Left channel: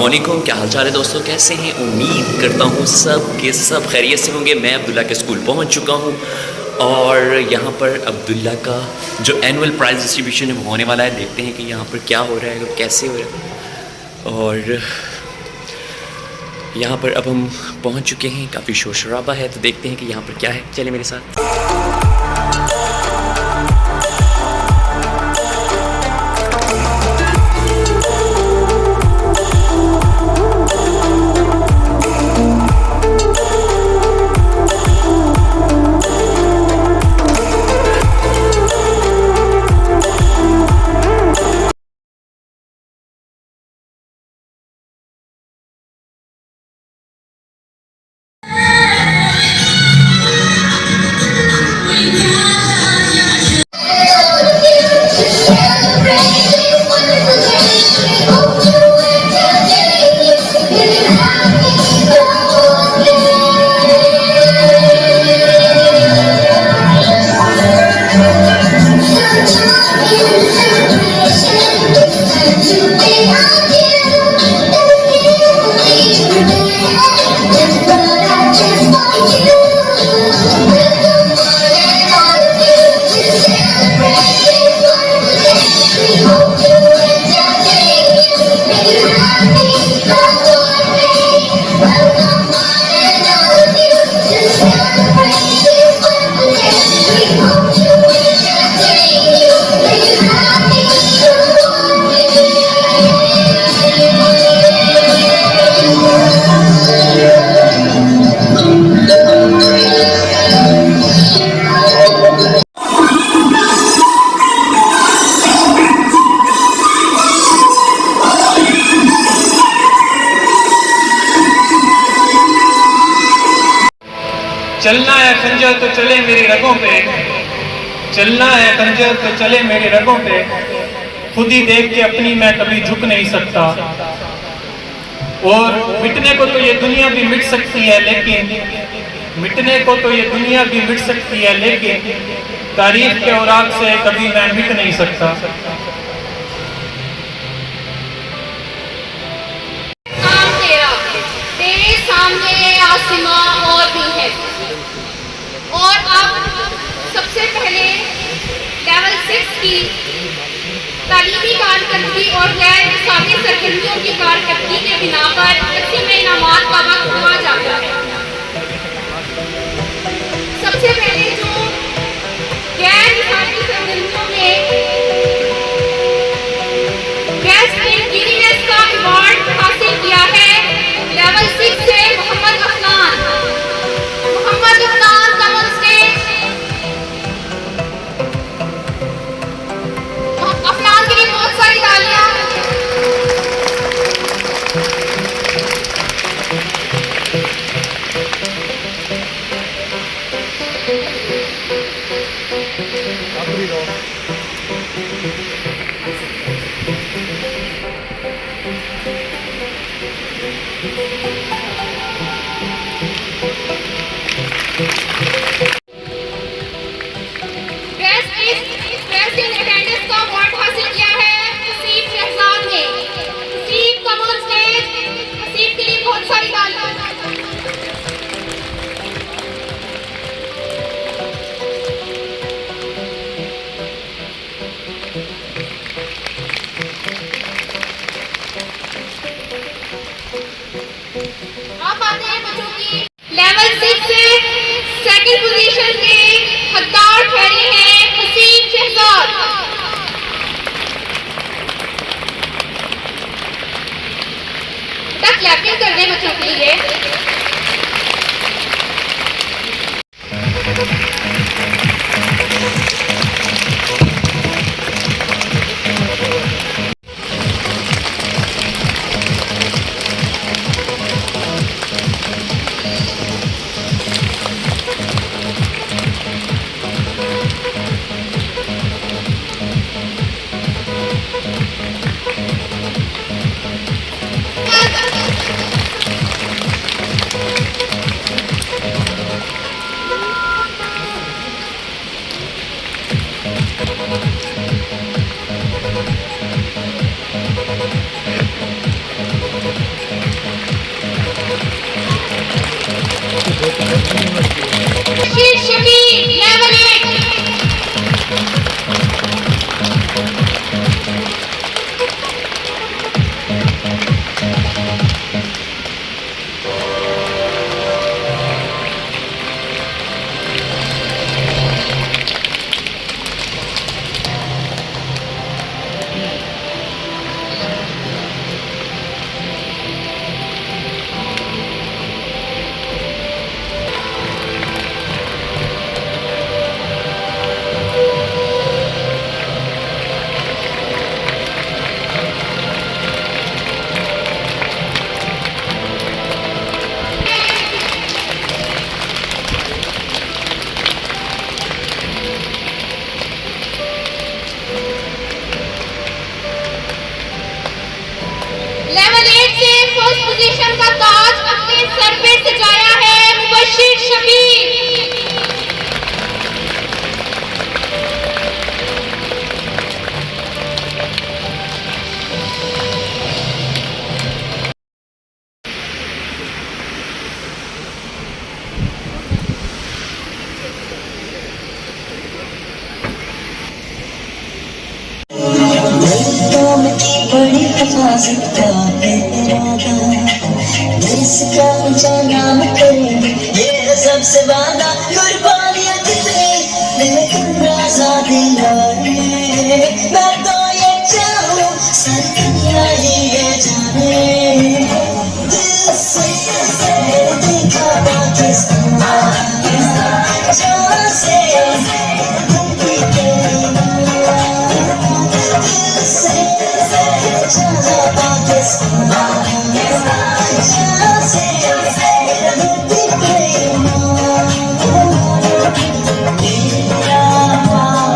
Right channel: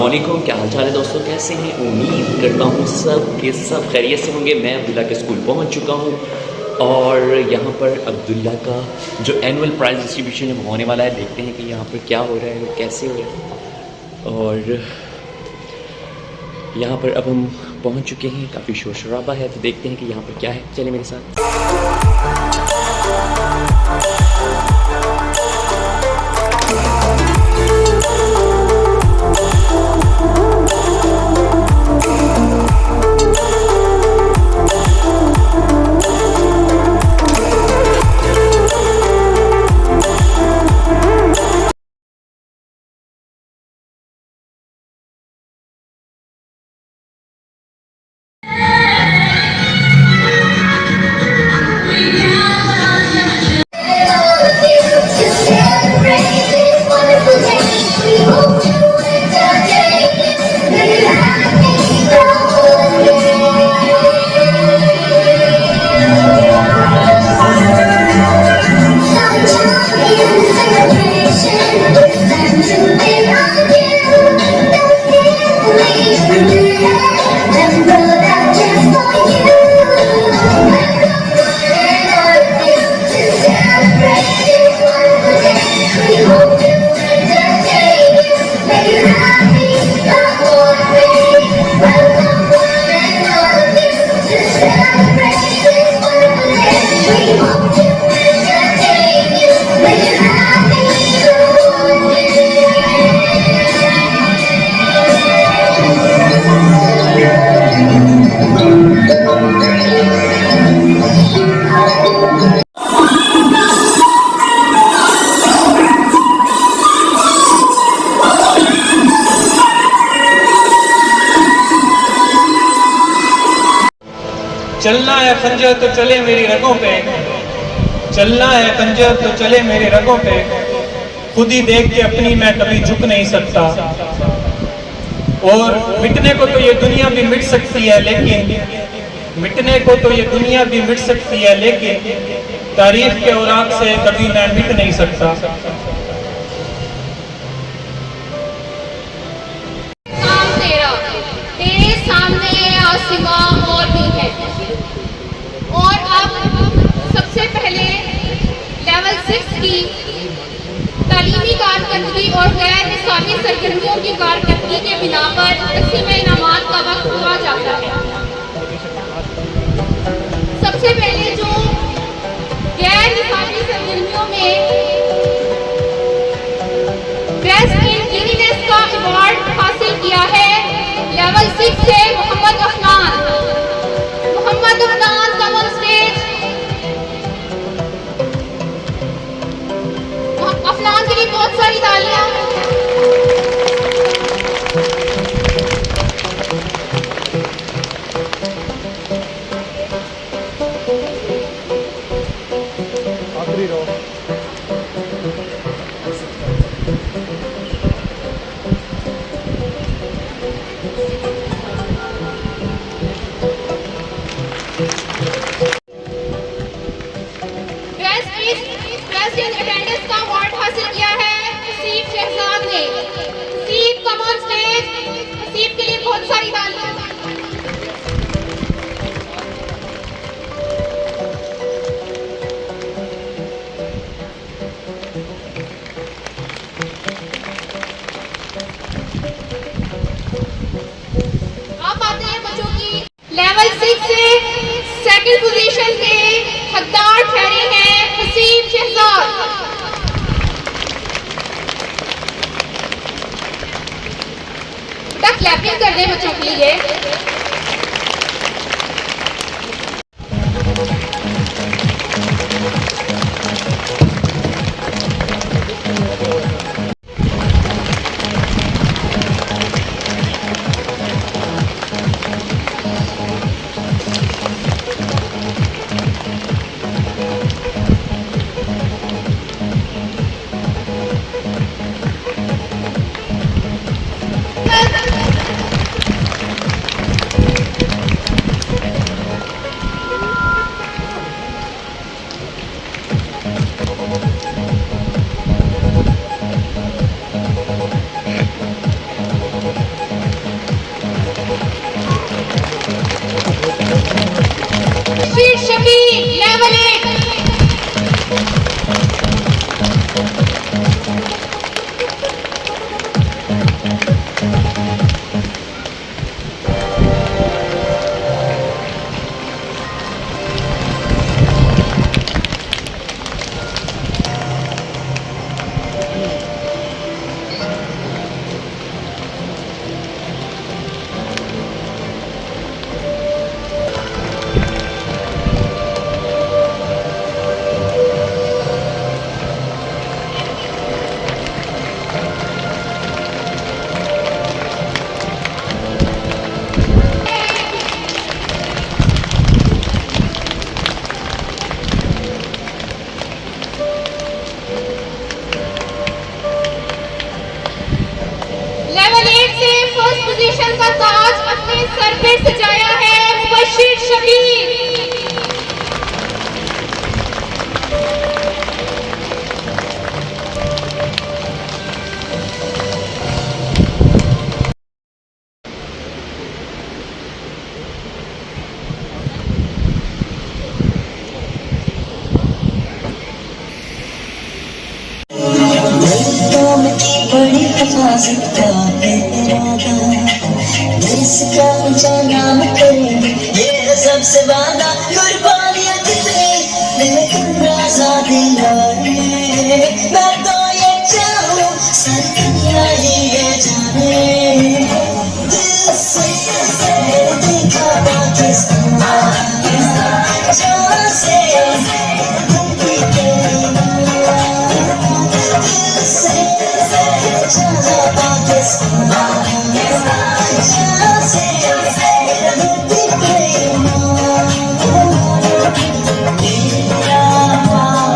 अस्सलामुअलैकुम, क्या हाल चाल है दोस्तों, कैसे हैं? उम्मीद करता हूँ सब के सब खैरियत से होंगे। मैं अब्दुल्ला के स्कूल पहुँच चुका हूँ और यहाँ पर अब्दुल्ला का जो एनुअल प्राइज़ डिस्ट्रीब्यूशन है वो होने वाला है। देखते हैं कि यहाँ पर क्या हो रहा है और कैसे हो रहा है। और यहाँ पर अब हम पहुँच चुके हैं, काफ़ी शोर शराबा है, तो देखते हैं कि यहाँ पर क्या है। चले मेरे साथ। चलना है खंजर तो चले मेरी रगों पे, चलना है खंजर तो चले मेरी रगों पे, खुद ही देख के अपनी मैं कभी झुक नहीं सकता। और मिटने को तो ये दुनिया भी मिट सकती है, लेकिन मिटने को तो ये दुनिया भी मिट सकती है, लेकिन तारीख के औराक से कभी मैं मिट नहीं सकता। तेरे सामने आसमां और भी है। और अब सबसे पहले लेवल 6 की तालीमी कारकर्दगी और गैर निसाबी सरगर्मियों की कारकर्दगी के बिना पर तकसीम इनामात का वक्त हुआ जाता है। सबसे पहले जो गैर निसाबी सरगर्मियों में बेस्ट इन गिनीनेस का अवार्ड हासिल किया है लेवल 6 से Mohammed Afnan. Mohammed Afnan come on stage. Afnan के लिए बहुत सारी तालियां। बेस्ट इन अटेंडेंस का अवार्ड हासिल किया है हसीब शहजाद ने। Haseeb come on stage. Haseeb के लिए बहुत सारी तालियां। आप आते हैं बच्चों की लेवल 6 से सेकंड पोजीशन पे हकदार ठहरे हैं हसीब शहजाद। बेटा क्लैपिंग कर रहे हैं बच्चों के लिए। इसका ऊंचा नाम करेंगे, ये है सबसे वादा कुर्बानियां जितनी लेकिन आजादी लाए। मैं तो ये चाहूं सारी दुनिया ये जाने, दिल से देखा पाकिस्तान, जहाँ से धरती पे दिल से जहाँ पाकिस्तान, जहाँ से धरती पे मेरा पाकिस्तान।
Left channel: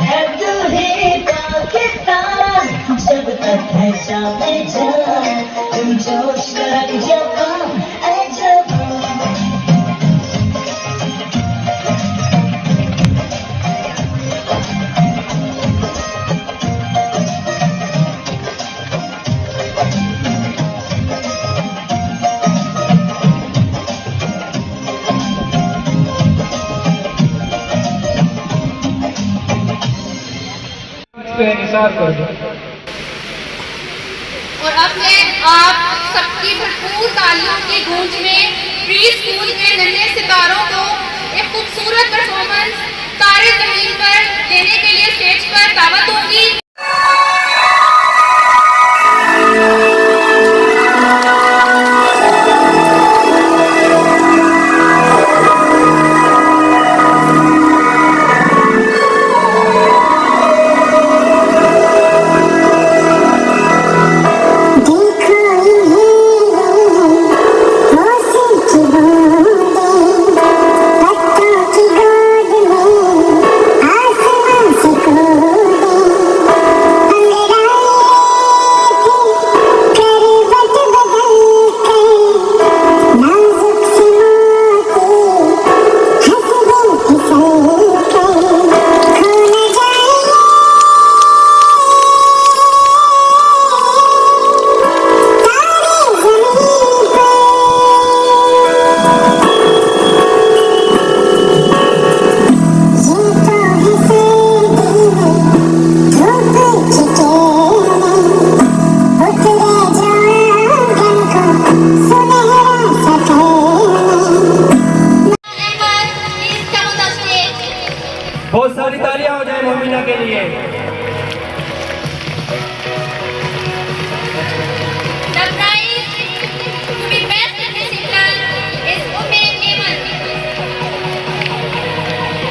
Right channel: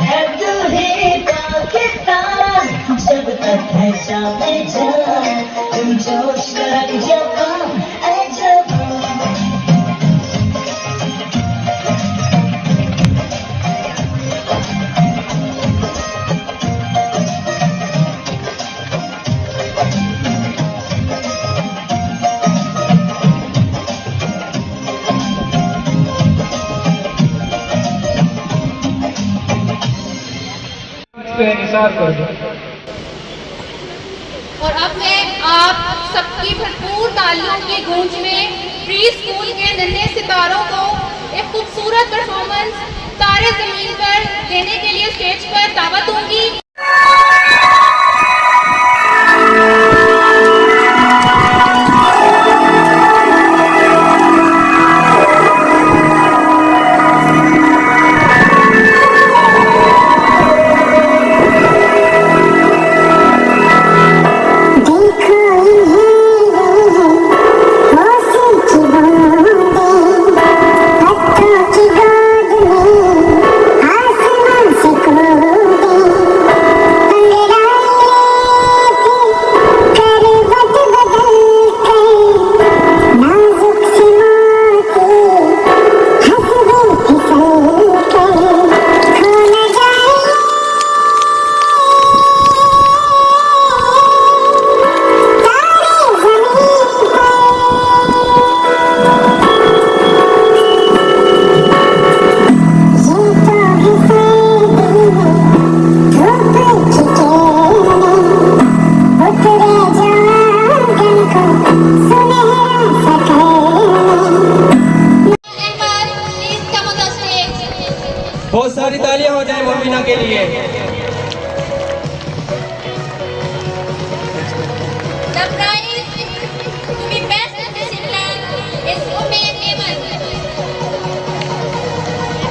है दिल ही पाकिस्तान, जब तक है जामे जान, तुम जोश रख जवान ऐ जवान। पे निसार कर दो। और अब मैं आप सबकी भरपूर तालियों की गूंज में प्री स्कूल के नन्हे सितारों को एक खूबसूरत परफॉर्मेंस तारे जमीन पर देने के लिए स्टेज पर दावत दूंगी। आसमान से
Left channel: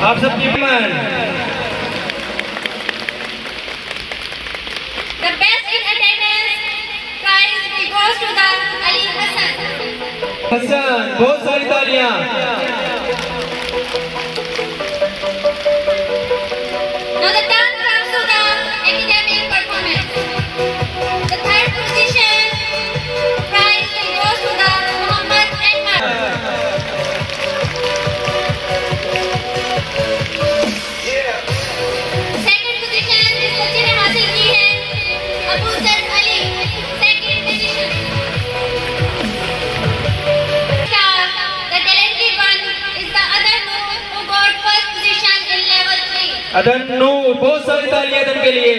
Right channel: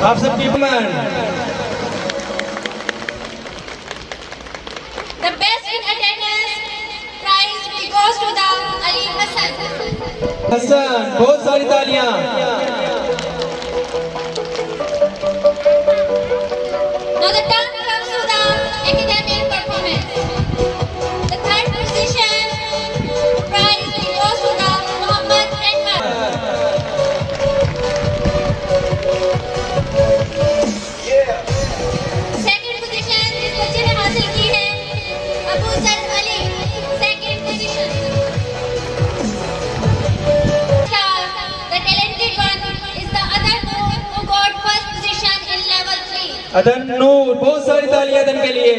आप सबकी मन The best in attendance prize will go to the Ali Hassan. Hasan, बहुत सारी तालियां। Now the turn comes to the academic performance. The third position prize will go to the Muhammad Ahmad. Second position जिस बच्चे ने हासिल की है Abu sir Ali, second position. The talented one is the other who got first position in level 3. अदन नूर, बहुत सारी तालियां अदन के लिए।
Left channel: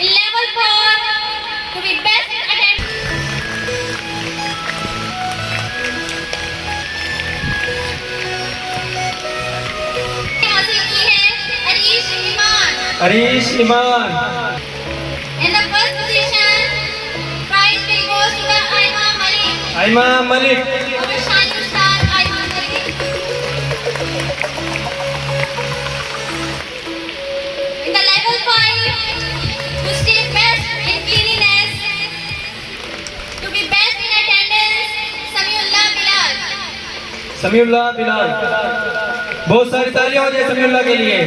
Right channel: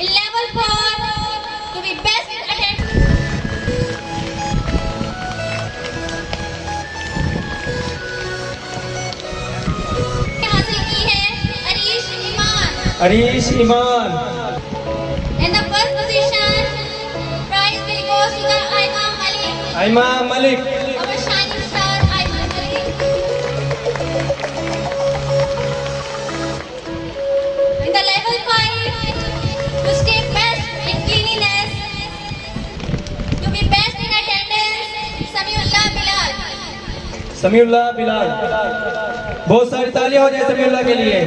In level 4 to be best in attendance. हासिल की है Arish Iman. Arish Iman, In the first position, prize will go to the Aima Malik. Aima Malik, Our shining star Aima Malik. In the level 5, to stay best in cleanliness, to be best in attendance, Samiullah Bilal. Samiullah Bilal, बहुत सारी तालियां हो जाए समीउल्लाह के लिए।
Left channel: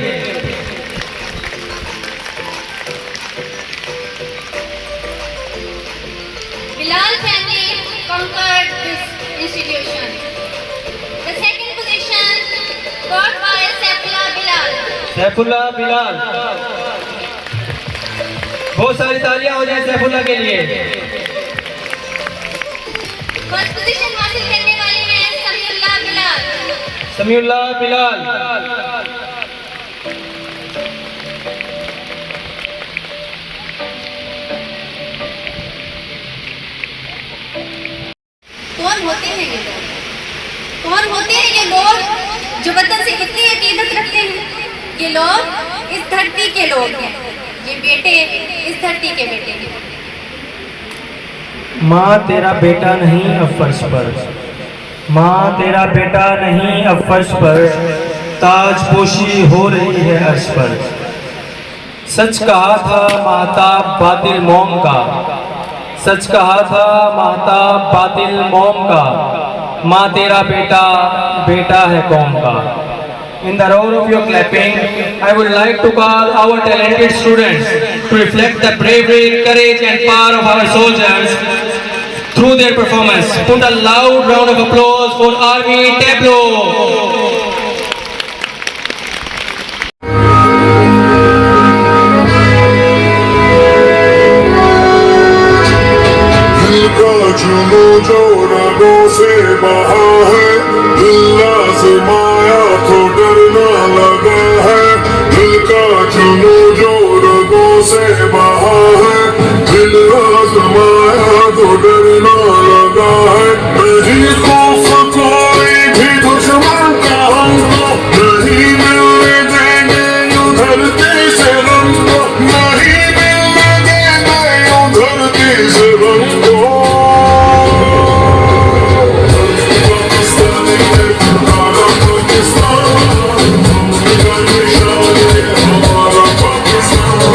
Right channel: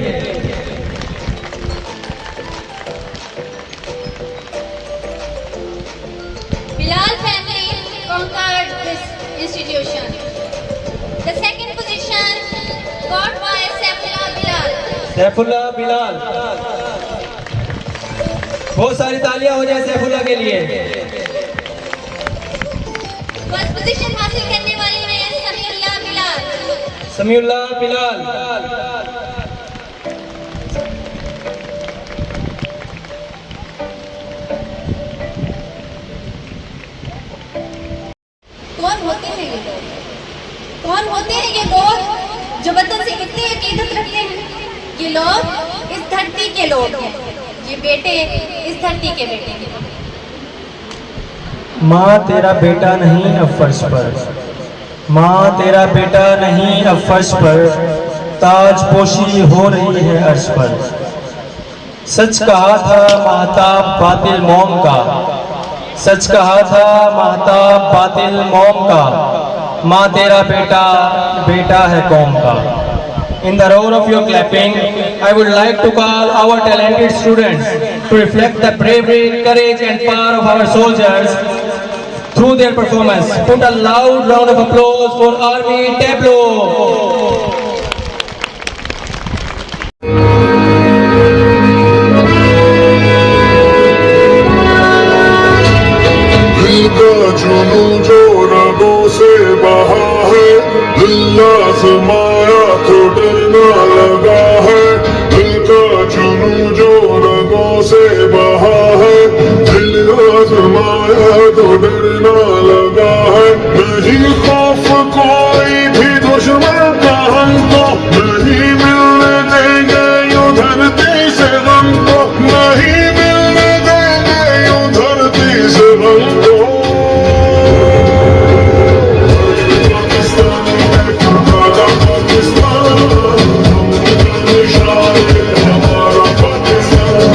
Bilal family conquered this institution. The second position got by Saifullah Bilal. Saifullah Bilal, बहुत सारी तालियां हो जाए सैफुल्लाह के लिए। फर्स्ट पोजीशन हासिल करने वाले हैं समीउल्लाह बिलाल. समीउल्लाह बिलाल, कौन होते हैं ये लोग? कौन होते हैं ये लोग जो वतन से इतनी अकीदत रखते हैं? ये लोग इस धरती के लोग हैं. ये बेटे इस धरती के बेटे हैं. माँ तेरा बेटा नहीं अब फर्श पर, माँ तेरा बेटा नहीं अब फर्श पर, ताज पोशी हो रही है अर्श पर। सच कहा था महताब बातिल मौम का, सच कहा था महताब बातिल मौम का, माँ तेरा बेटा बेटा है कौम का। In the roar of your clapping, I would like to call our talented students to reflect the bravery, courage and power of our soldiers through their performance. Put a loud round of applause for Army Tableau. दिल का जुनू जो रगों से बहा है, दिल आजमाया तो डरना लगा है। दिल का जुनू जो रगों से बहा है, दिल आजमाया तो डरना लगा है। नहीं खौफ कोई भी दुश्मन का हमको, नहीं मिलने देंगे यूं धरती से हमको, नहीं मिलने देंगे यूं धरती से हमको। पाकिस्तानी है हमारा पाकिस्तान, हमारा पाकिस्तान।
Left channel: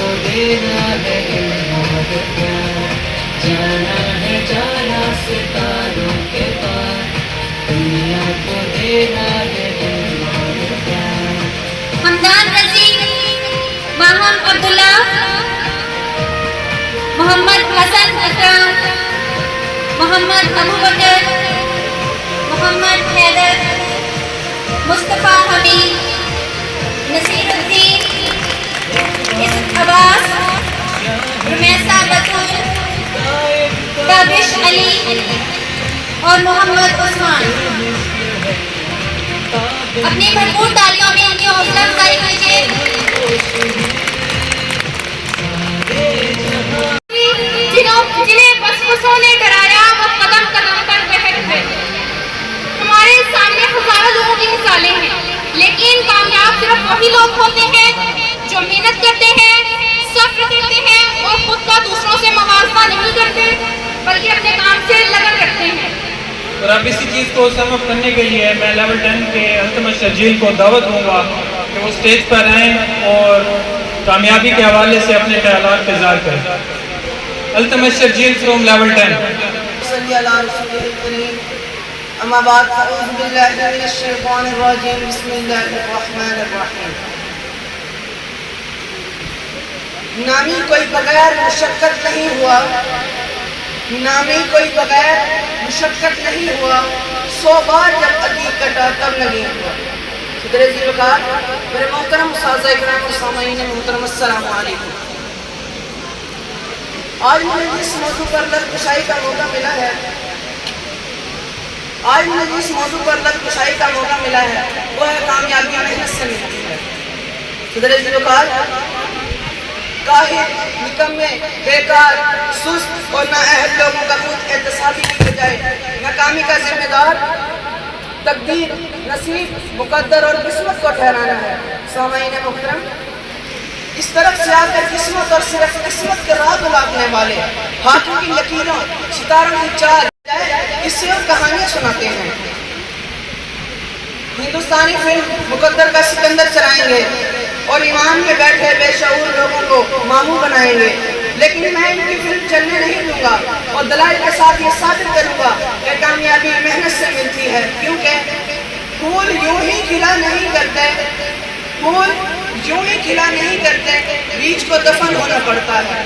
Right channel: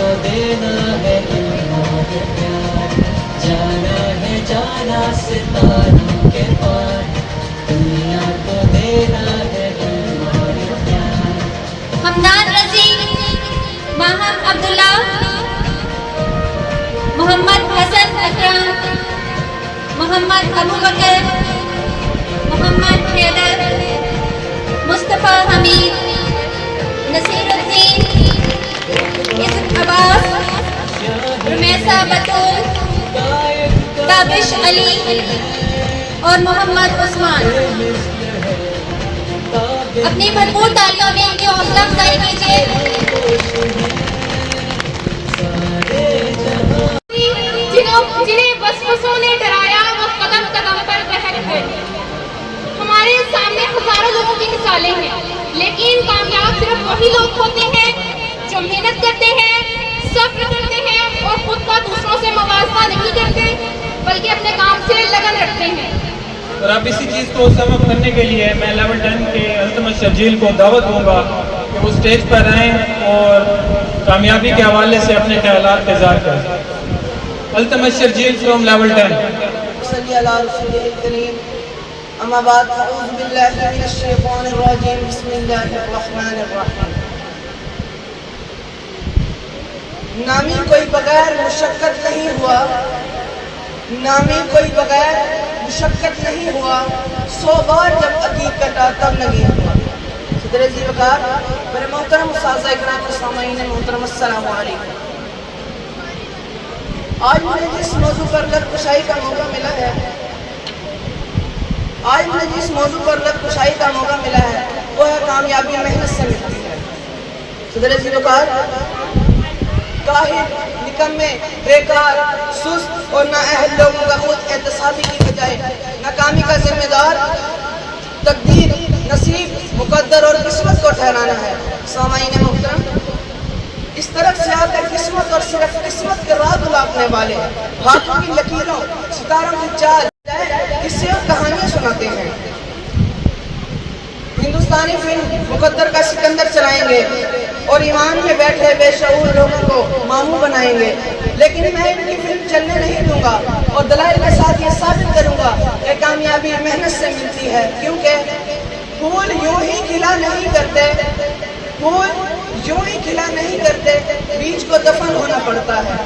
को देना है दिल और प्यार, जाना है जाना सितारों के पार, दुनिया को देना है दिल और प्यार। हमदान रजीक, माहम अब्दुल्ला, मोहम्मद हसन अकरम, मोहम्मद अबू बकर, मोहम्मद हैदर, मुस्तफ़ा हमीद, नसीरुद्दीन, इज़्ज़त अब्बास, रुमैसा बतूल, ताबिश अली और मोहम्मद उस्मान। अपनी भरपूर तालियों में इनकी हौसला अफजाई कीजिए। जिन्हें वसवसों ने डराया वो कदम कदम पर बहक गए। हमारे सामने हजारों लोगों की मिसालें हैं, लेकिन कामयाब सिर्फ वही लोग होते हैं जो मेहनत करते हैं, सब्र करते हैं और खुद का दूसरों से मुवाजना नहीं करते बल्कि अपने काम से लगन रखते हैं। और अब इसी चीज़ को समअप करने के लिए मैं लेवल 10 के अल्तमश शर्जील को दावत दूंगा कि वो स्टेज पर आएँ और कामयाबी के हवाले से अपने ख्यालात का इज़हार करें। Altamash Sharjeel from level 10। सल्ली अला रसूलिल करीम, अम्मा बाद, अऊज़ु बिल्लाहि मिनश शैतानिर रजीम, बिस्मिल्लाहिर रहमानिर रहीम। नामी कोई बगैर मुशक्कत नहीं हुआ, नामी कोई बगैर मुशक्कत नहीं हुआ, 100 बार जब अकीक कटा तब नहीं हुआ। सदर जी वकार, मेरे मोहतरम उस्ताद इकराम और सामईन मोहतरम, अस्सलामु अलैकुम। आज मुझे जिस मौजू पर लफ्ज़ का मौका मिला है, आज मुझे जिस मौजू पर लफ्ज़ का मौका मिला है वो है कामयाबी मेहनत से मिलती है। सदर जी वकार, काहिल, निकम्मे, बेकार, सुस्त और नाअहल लोगों का खुद एहतसाबी की बजाय नाकामी का जिम्मेदार तकदीर, नसीब, मुकद्दर और किस्मत को ठहराना है। सामाईन मुहतरम, इस तरफ से आकर किस्मत और सिर्फ किस्मत के राह बुलाने वाले हाथों की लकीरों, सितारों की चाल, किस्से और कहानियां सुनाते हैं। हिंदुस्तानी फिल्म मुकद्दर का सिकंदर चलाएंगे और ईमान में बैठे बेशऊर लोगों को मामू बनाएंगे, लेकिन मैं इनकी फिल्म चलने नहीं दूंगा और दलाइल के साथ ये साबित करूंगा कि कामयाबी मेहनत से मिलती है। क्योंकि फूल यूं ही खिला नहीं करते, फूल यूं ही खिला नहीं करते, बीज को दफन होना पड़ता है।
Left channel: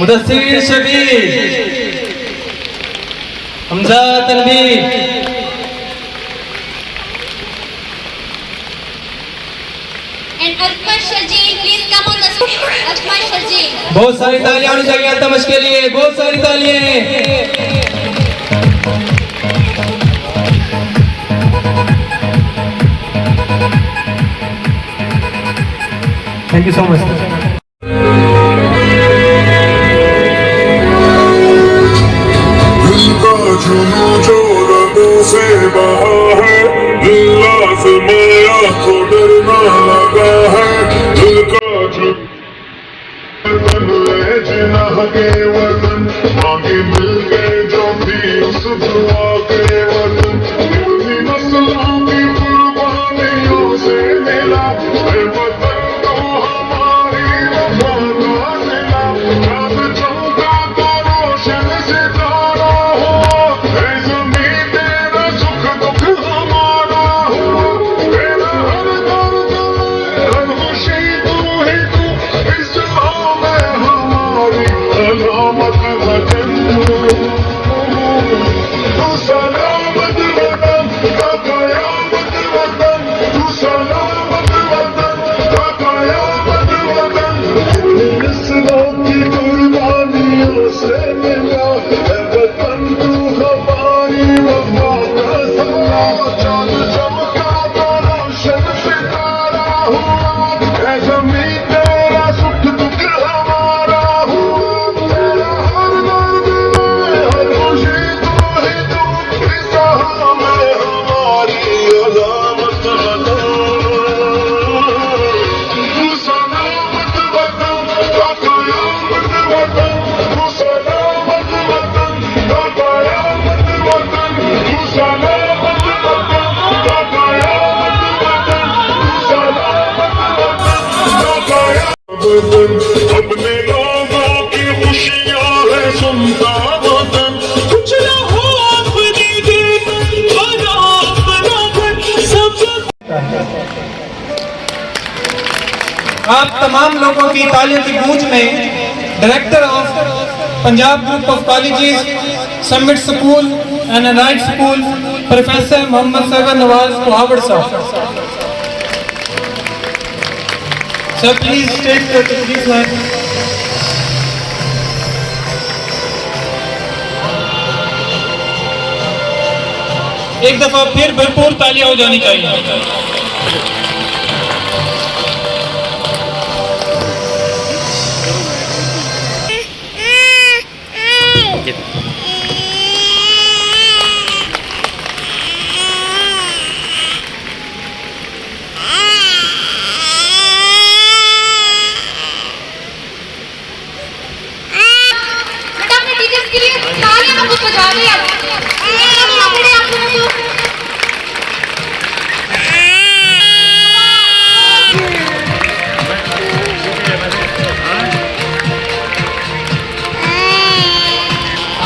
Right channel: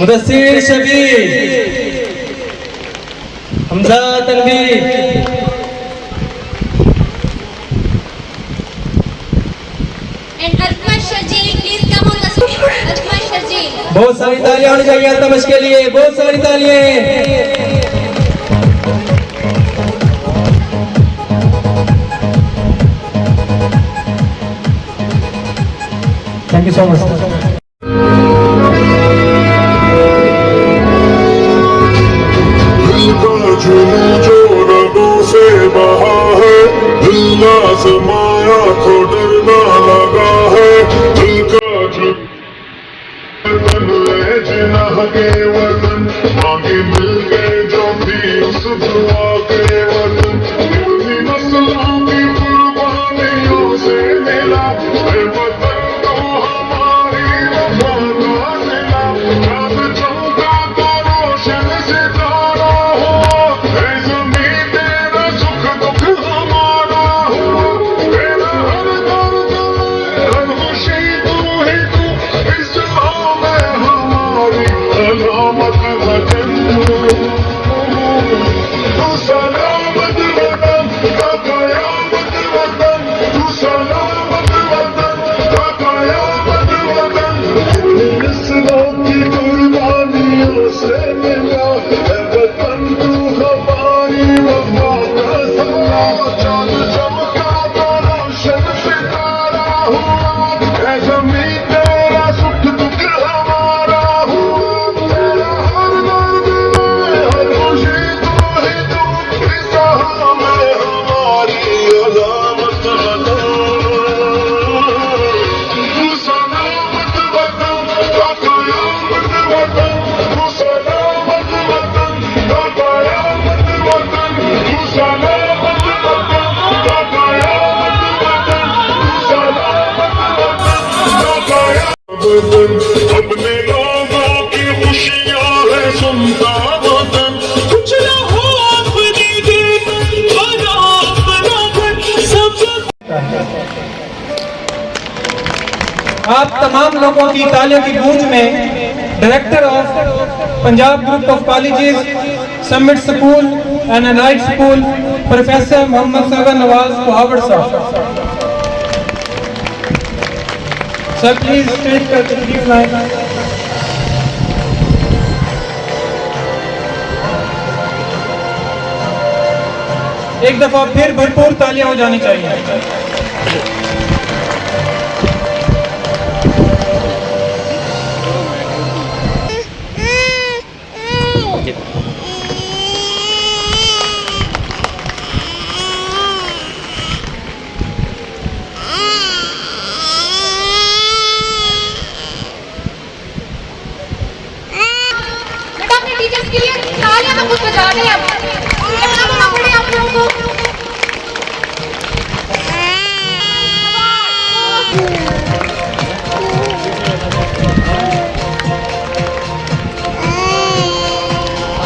Mudassir Shabir, Hamza Tanveer, And Atman Shajeen, please come on the stage. Atman Shajeen. बहुत सारी तालियां होनी चाहिए अल्तमश के लिए, बहुत सारी तालियां। Thank you so much. जुनू जो रगों से बहा है, दिल आज़माया तो डरना लगा है, दिल का वतन ले जिनाह के वतन, मांगे मिल गए जो भी उस दुआ के वतन, कितनी नस्लों की कुर्बानियों से मिला है वतन तो हमारी वफा का सिला, चांद चमका तो रोशन सितारा हुआ, है ज़मीं तेरा सुख दुख हमारा हुआ, तेरा हर दर्द हर खुशी तू ही तू, इस जहां में हमारी सलामत वतन, तू सलामत वतन का कयामत वतन, तू सलामत वतन का कयामत वतन, नस्लों की कुर्बानियों से मिला है वतन तू हमारी वफा का सिला, चांद चमका तो रोशन सितारा हुआ, है ज़मीं तेरा सुख दुख हमारा हुआ, तेरा हर दर्द हर खुशी तू ही तू, इस जहां में हमारी अज़ामत वतन, तू सलामत वतन का कयामत वतन, तू सलामत वतन का कयामत वतन, तू सलामत वतन का कयामत वतन, तू सलामत वतन का वतन, अपने लोगों की खुशियां है सुनता वतन, कुछ ना हो अपनी जीत बना अपना घर सब। आप तमाम लोगों की तालियों की गूंज में director of Punjab group of colleges, Summit school and allied school, professor Mohammad Sagar Nawaz Kuhawad sahab. Sir please take this line. एक दफा फिर भरपूर तालियां हो जानी चाहिए। बेटा अपने टीचर्स के लिए तालियां ना कुछ बजा रहे हैं आप लोगों को।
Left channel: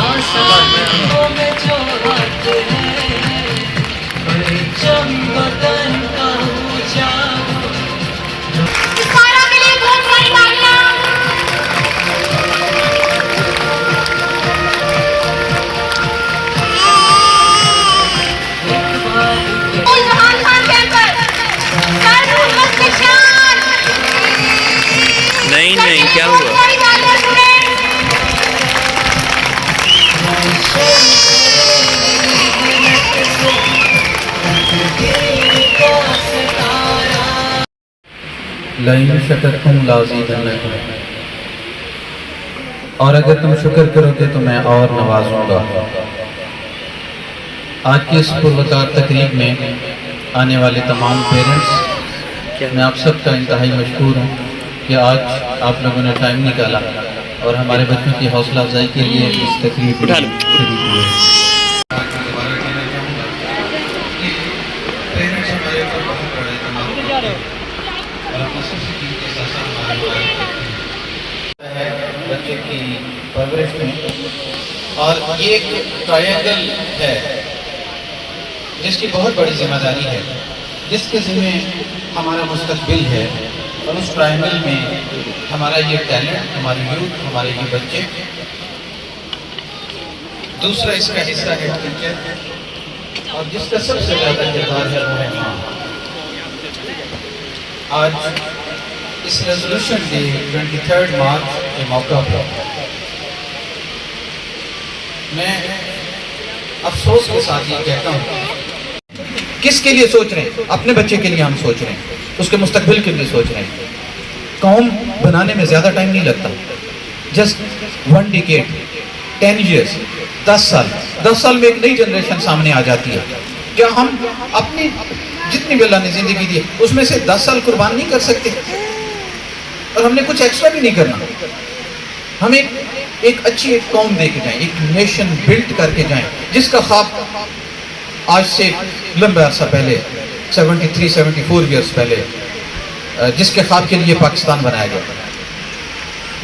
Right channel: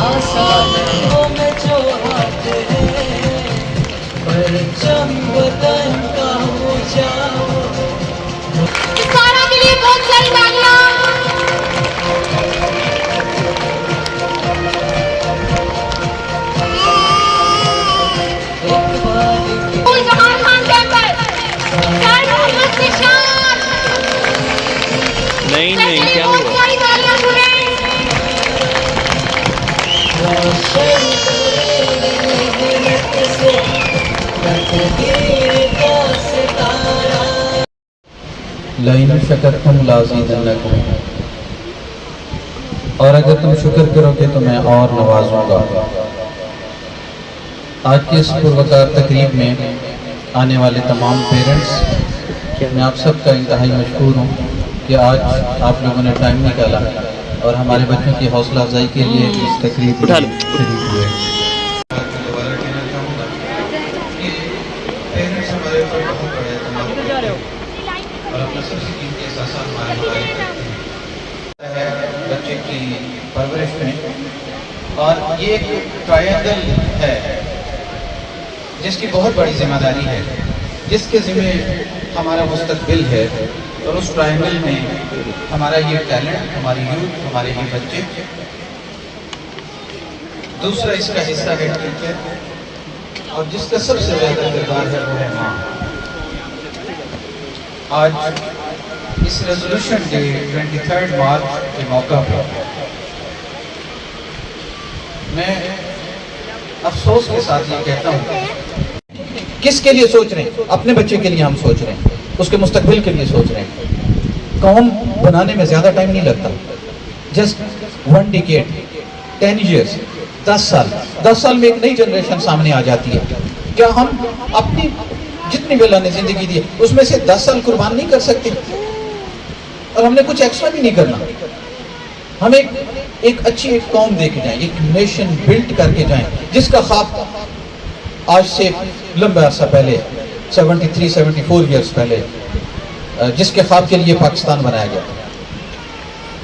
आसमानों में जो हाथ है, परचम वतन का ऊंचा, सारा के लिए बहुत सारी तालियां। एक बार जहान खान कैंपस, सर मोहम्मद निशान। नहीं नहीं, क्या बहुत हुआ? सारी तालियां सुने। लाइन शकरतुम लाज़ीदन्नकुम, और अगर तुम शुक्र करोगे तो मैं और नवाजूंगा। आज की इस पुरवकार तकरीब में आने वाले तमाम पेरेंट्स, मैं आप सबका इंतहाई मशहूर हूँ कि आज आप लोगों ने टाइम निकाला और हमारे बच्चों की हौसला अफजाई के लिए इस तकरीब में शरीक हुए। पेरेंट्स हमारे ऊपर बहुत बड़ा एतमाद करते हैं और अपना सबसे कीमती एहसास हमारे मोबाइल है बच्चे की परवरिश में। और ये एक ट्रायंगल है जिसकी बहुत बड़ी जिम्मेदारी है, जिसके ज़िम्मे हमारा मुस्तकबिल है, और उस ट्रायंगल में हमारा ये टैलेंट, हमारी यूथ, हमारे ये बच्चे। दूसरा इसका हिस्सा है टीचर, और जिसका सबसे ज़्यादा किरदार है वो है माँ। आज इस रेजोल्यूशन डे 23 मार्च के मौका पर मैं अफसोस के साथ ये कहता हूँ, किसके लिए सोच रहे हैं? अपने बच्चे के लिए हम सोच रहे हैं, उसके मुस्तकबिल के लिए सोच रहे हैं। कौम बनाने में ज़्यादा टाइम नहीं लगता, जस्ट 1 डिकेड, 10 years, 10 साल। 10 साल में एक नई जनरेशन सामने आ जाती है। क्या हम अपनी जितनी भी अल्लाह ने जिंदगी दी है उसमें से 10 साल कुर्बान नहीं कर सकते? और हमने कुछ एक्स्ट्रा भी नहीं करना। हम एक अच्छी एक कौम दे के जाएं, एक नेशन बिल्ड करके जाएं, जिसका ख्वाब आज से लंबा अर्सा पहले 73-74 ईयर्स पहले जिसके ख्वाब के लिए पाकिस्तान बनाया गया,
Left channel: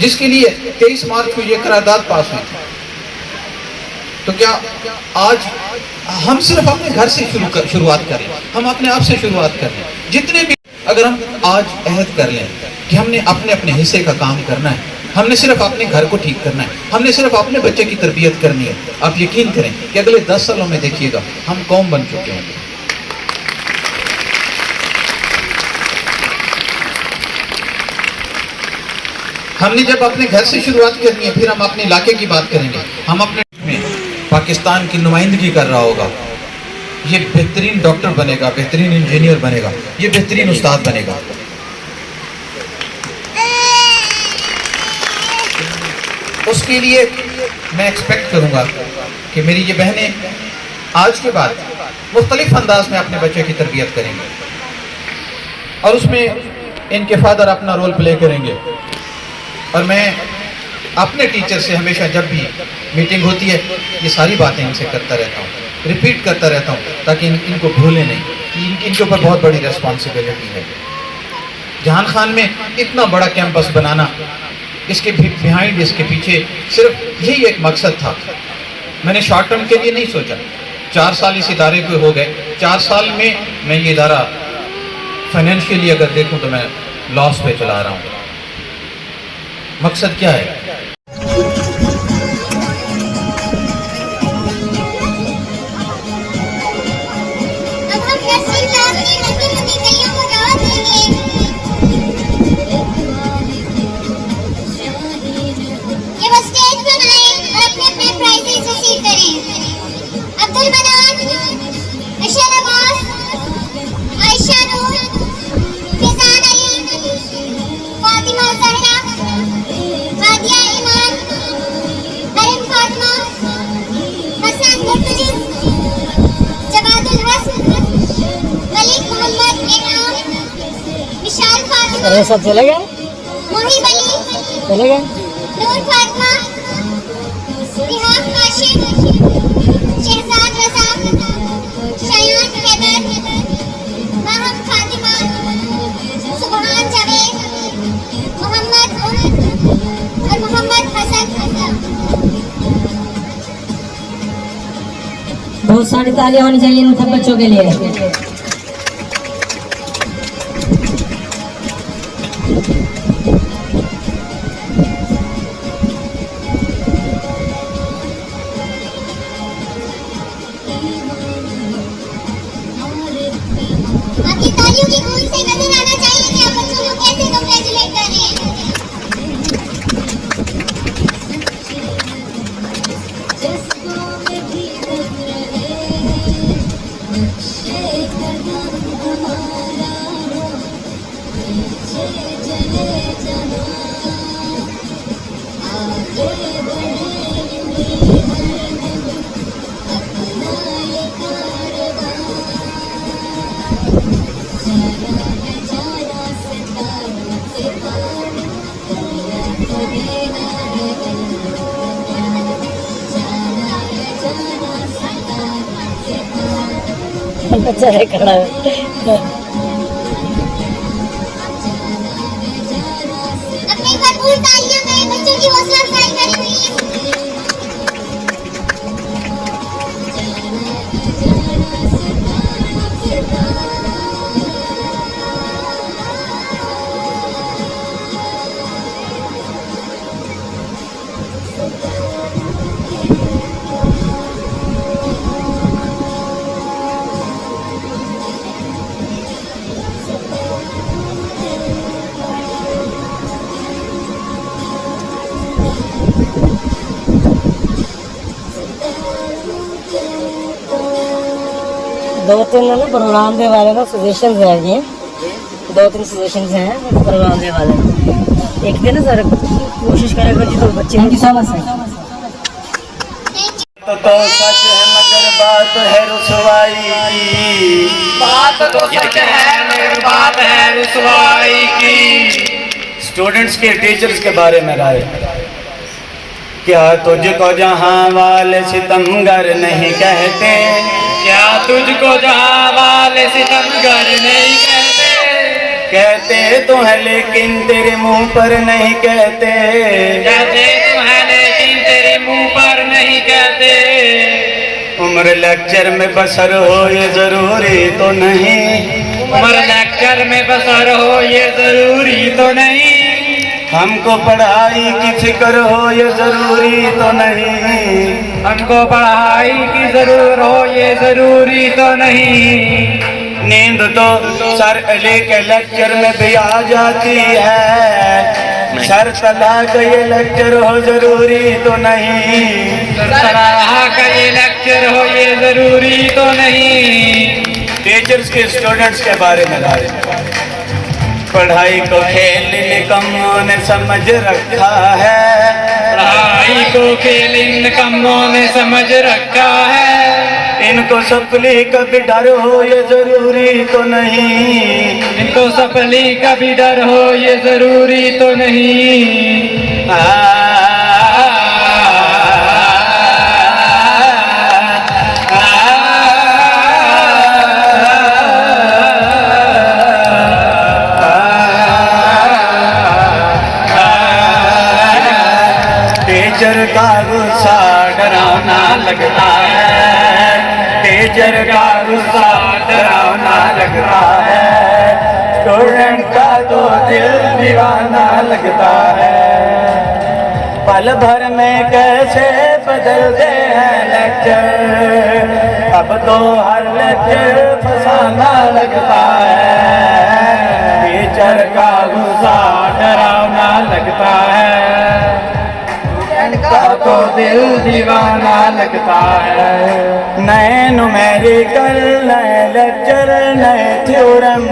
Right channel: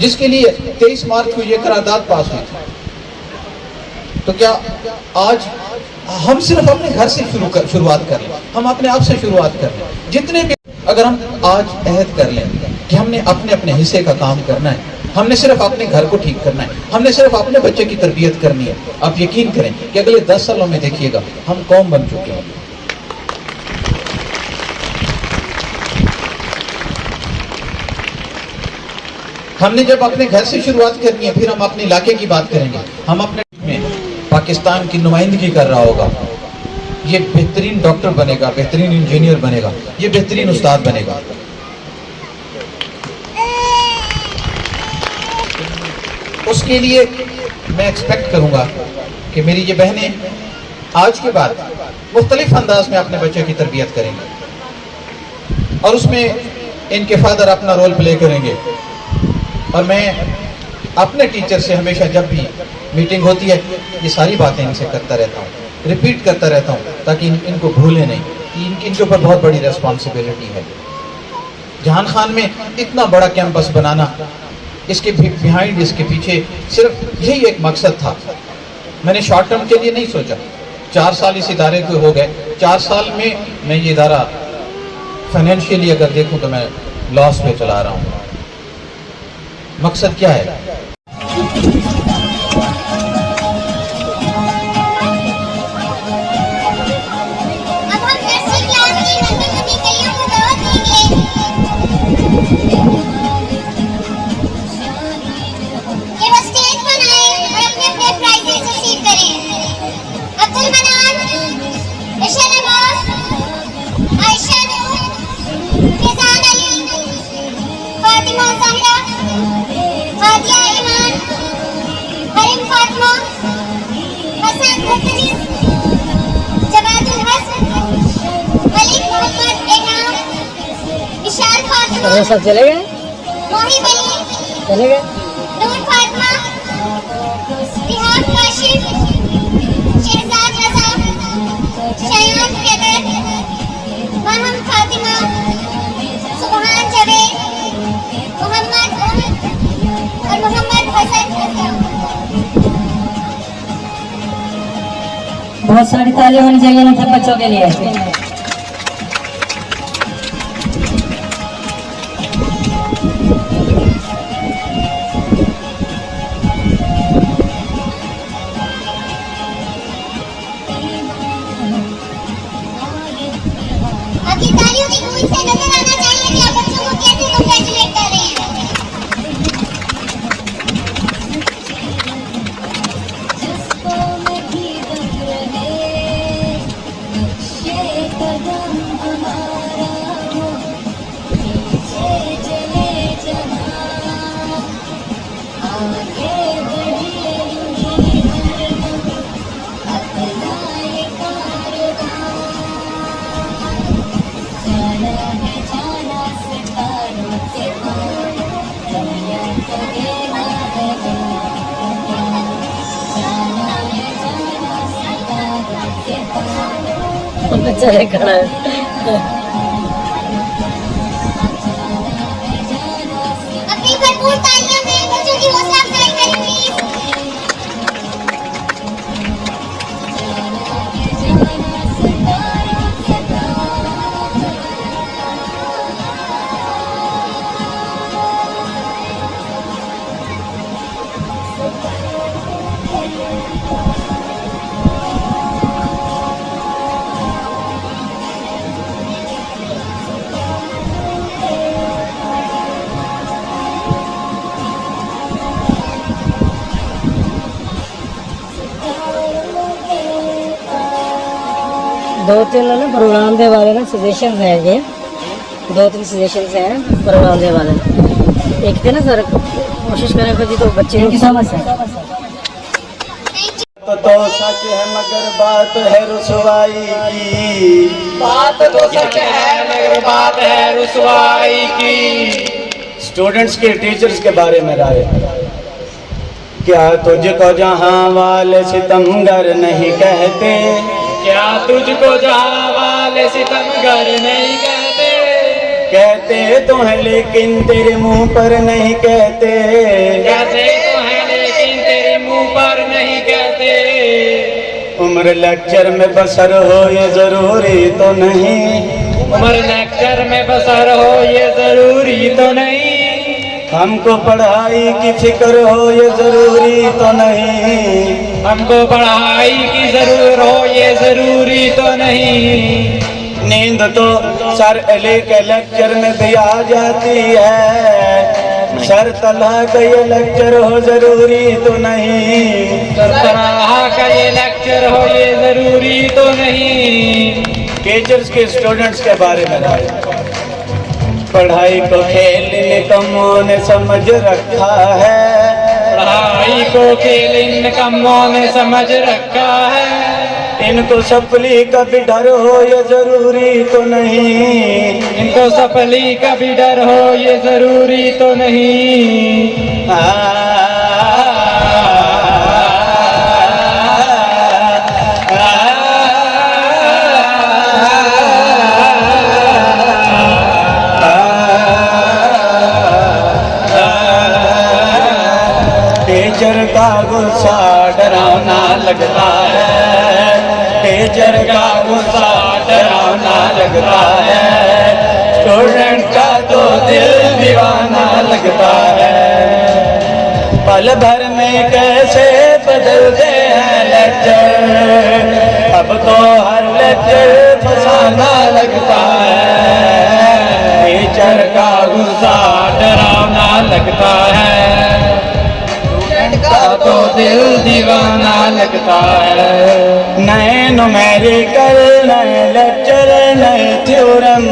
जिसके लिए 23 मार्च को ये करारदाद पास हुई। तो क्या आज हम सिर्फ अपने घर से शुरुआत करें? हम अपने आप से शुरुआत करें। जितने भी अगर हम आज अहद कर लें कि हमने अपने अपने हिस्से का काम करना है, हमने सिर्फ अपने घर को ठीक करना है, हमने सिर्फ अपने बच्चे की तरबियत करनी है, आप यकीन करें कि अगले 10 सालों में देखिएगा हम कौम बन चुके हैं। हमने जब अपने घर से शुरुआत करनी है, फिर हम अपने इलाके की बात करेंगे। हम अपने में पाकिस्तान की नुमाइंदगी कर रहा होगा, ये बेहतरीन डॉक्टर बनेगा, बेहतरीन इंजीनियर बनेगा, ये बेहतरीन उस्ताद बनेगा। उसके लिए मैं एक्सपेक्ट करूंगा कि मेरी ये बहनें आज के बाद मुख्तलिफ अंदाज में अपने बच्चे की तरबियत करेंगे, और उसमें इनके फादर अपना रोल प्ले करेंगे। और मैं अपने टीचर से हमेशा जब भी मीटिंग होती है ये सारी बातें इनसे करता रहता हूँ, रिपीट करता रहता हूँ, ताकि इनको भूलें नहीं कि इनके ऊपर बहुत बड़ी रिस्पॉन्सिबिलिटी है। जहान खान में इतना बड़ा कैंपस बनाना, इसके बिहाइंड, इसके पीछे सिर्फ यही एक मकसद था। मैंने शॉर्ट टर्म के लिए नहीं सोचा। 4 साल इस इदारे को हो गए, 4 साल में मैं ये इदारा फाइनेंशियली अगर देखूं तो मैं लॉस पे चला रहा हूँ। मकसद क्या है? अब हम 10वीं क्लास की नन्ही-नन्ही कलियों को दावत देंगे। कि वो स्टेज पर आए और अपने प्राइजेस रिसीव करें। अब्दुल मनान, इशान अब्बास, आयशा नूर, फैजान अली, फातिमा ज़हरा, हादिया ईमान, हरीम फातिमा, हसन मुर्तजिज़, जवादुल हसन, मलिक मोहम्मद इनाम, विशाल फातिमा, सब चले गए? मोहिब अली, चले गए? नूर फातिमा, इतिहास काशिफ, शहजाद रज़ा, शयान कैदर, महम फातिमा, सुबहान जावेद, मोहम्मद उमर और मोहम्मद हसन। बहुत सारी तालियां होनी चाहिए इन सब बच्चों के लिए। आपकी तालियों की गूंज से नजर आना चाहिए कि आप बच्चों को कैसे कंग्रेचुलेट कर रहे हैं। बच्चा है खड़ा है। अपनी भरपूर तालियों से बच्चों की हौसला अफजाई करें प्लीज। तो इन्होंने प्रोग्राम के बारे में सजेशन हैं ये 2-3 सजेशन हैं प्रोग्राम के बारे में। एक थे ना सर, कोशिश करें कि तो बच्चे की समझ है तो सच है मगर बात है रुसवाई की, बात तो सच है मगर बात है रुसवाई की। स्टूडेंट्स के टीचर्स के बारे में राय, क्या तुझको जहाँ वाले सितमगर नहीं कहते, क्या तुझको जहाँ वाले सितमगर नहीं कहते, कहते तो है लेकिन तेरे मुंह पर नहीं कहते, कहते तो है लेकिन तेरे मुंह पर नहीं कहते। उम्र लेक्चर में बसर हो ये जरूरी तो नहीं, उम्र लेक्चर में बसर हो ये जरूरी तो नहीं, हमको पढ़ाई की फिक्र हो ये जरूरी तो नहीं, हमको पढ़ाई की जरूर हो ये जरूरी तो नहीं। नींद तो सर अली के लेक्चर में भी आ जाती है, सर सलाह का ये लेक्चर हो जरूरी तो नहीं, सराह का ये लेक्चर हो ये जरूरी तो नहीं। टीचर्स के स्टूडेंट्स के बारे में राय, पढ़ाई को खेल निकम्मों ने समझ रखा है, पढ़ाई को खेल इन कमों ने समझ रखा है, इनको सपली का भी डर हो ये जरूरी तो नहीं, इनको सफली का भी डर हो ये जरूरी तो नहीं। टीचर का गुस्सा डरावना लगता है, टीचर का गुस्सा डरावना लगता है, स्टूडेंट का तो दिल दीवाना लगता है। पल भर में कैसे बदलते हैं लेक्चर, अब तो हर लेक्चर फसाना लगता है, टीचर का गुस्सा डरावना लगता है, तो दिल दीवाना लगता है। नए न्यूमेरिकल नए लेक्चर नए थ्योरम,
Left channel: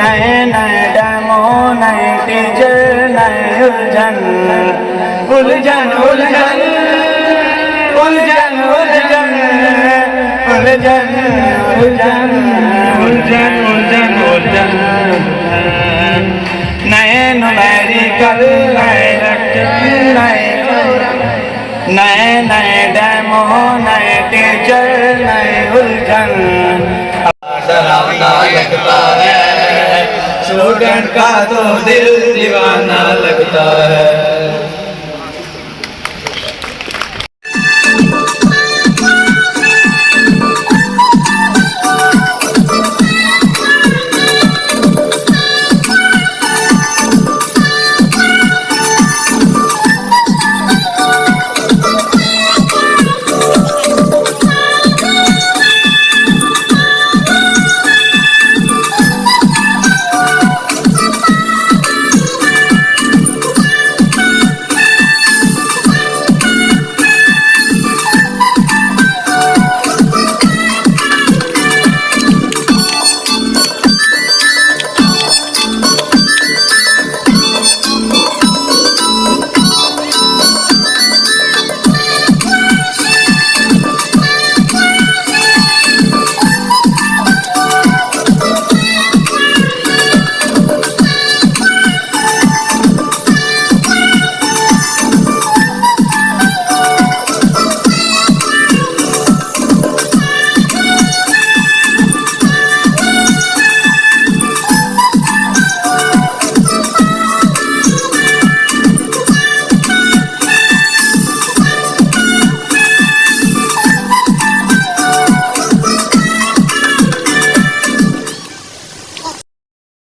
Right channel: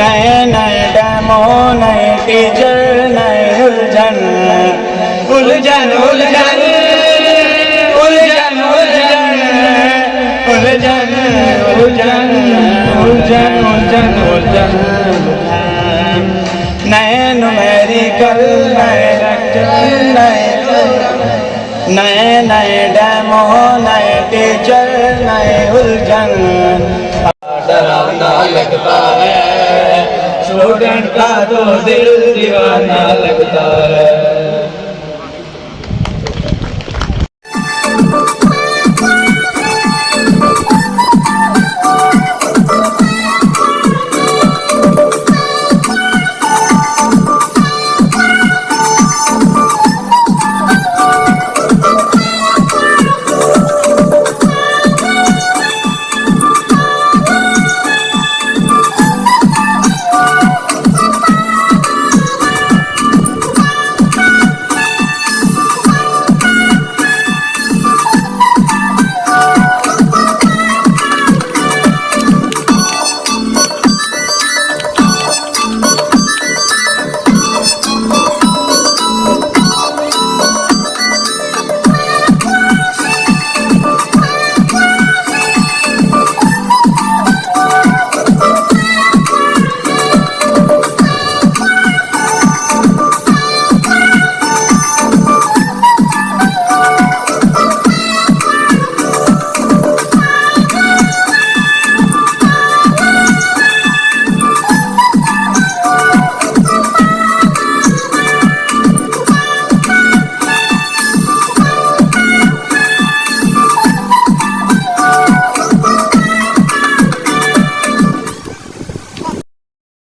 नए नए डेमो नए टीचर नए उलझन, उलझन उलझन उलझन उलझन उलझन उलझन उलझन उलझन उलझन, नए न्यूमेरिकल नए लेक्चर नए नए नए डेमो नए टीचर नए उलझन, डरावना लगता है, स्टूडेंट का तो दिल दीवाना लगता है।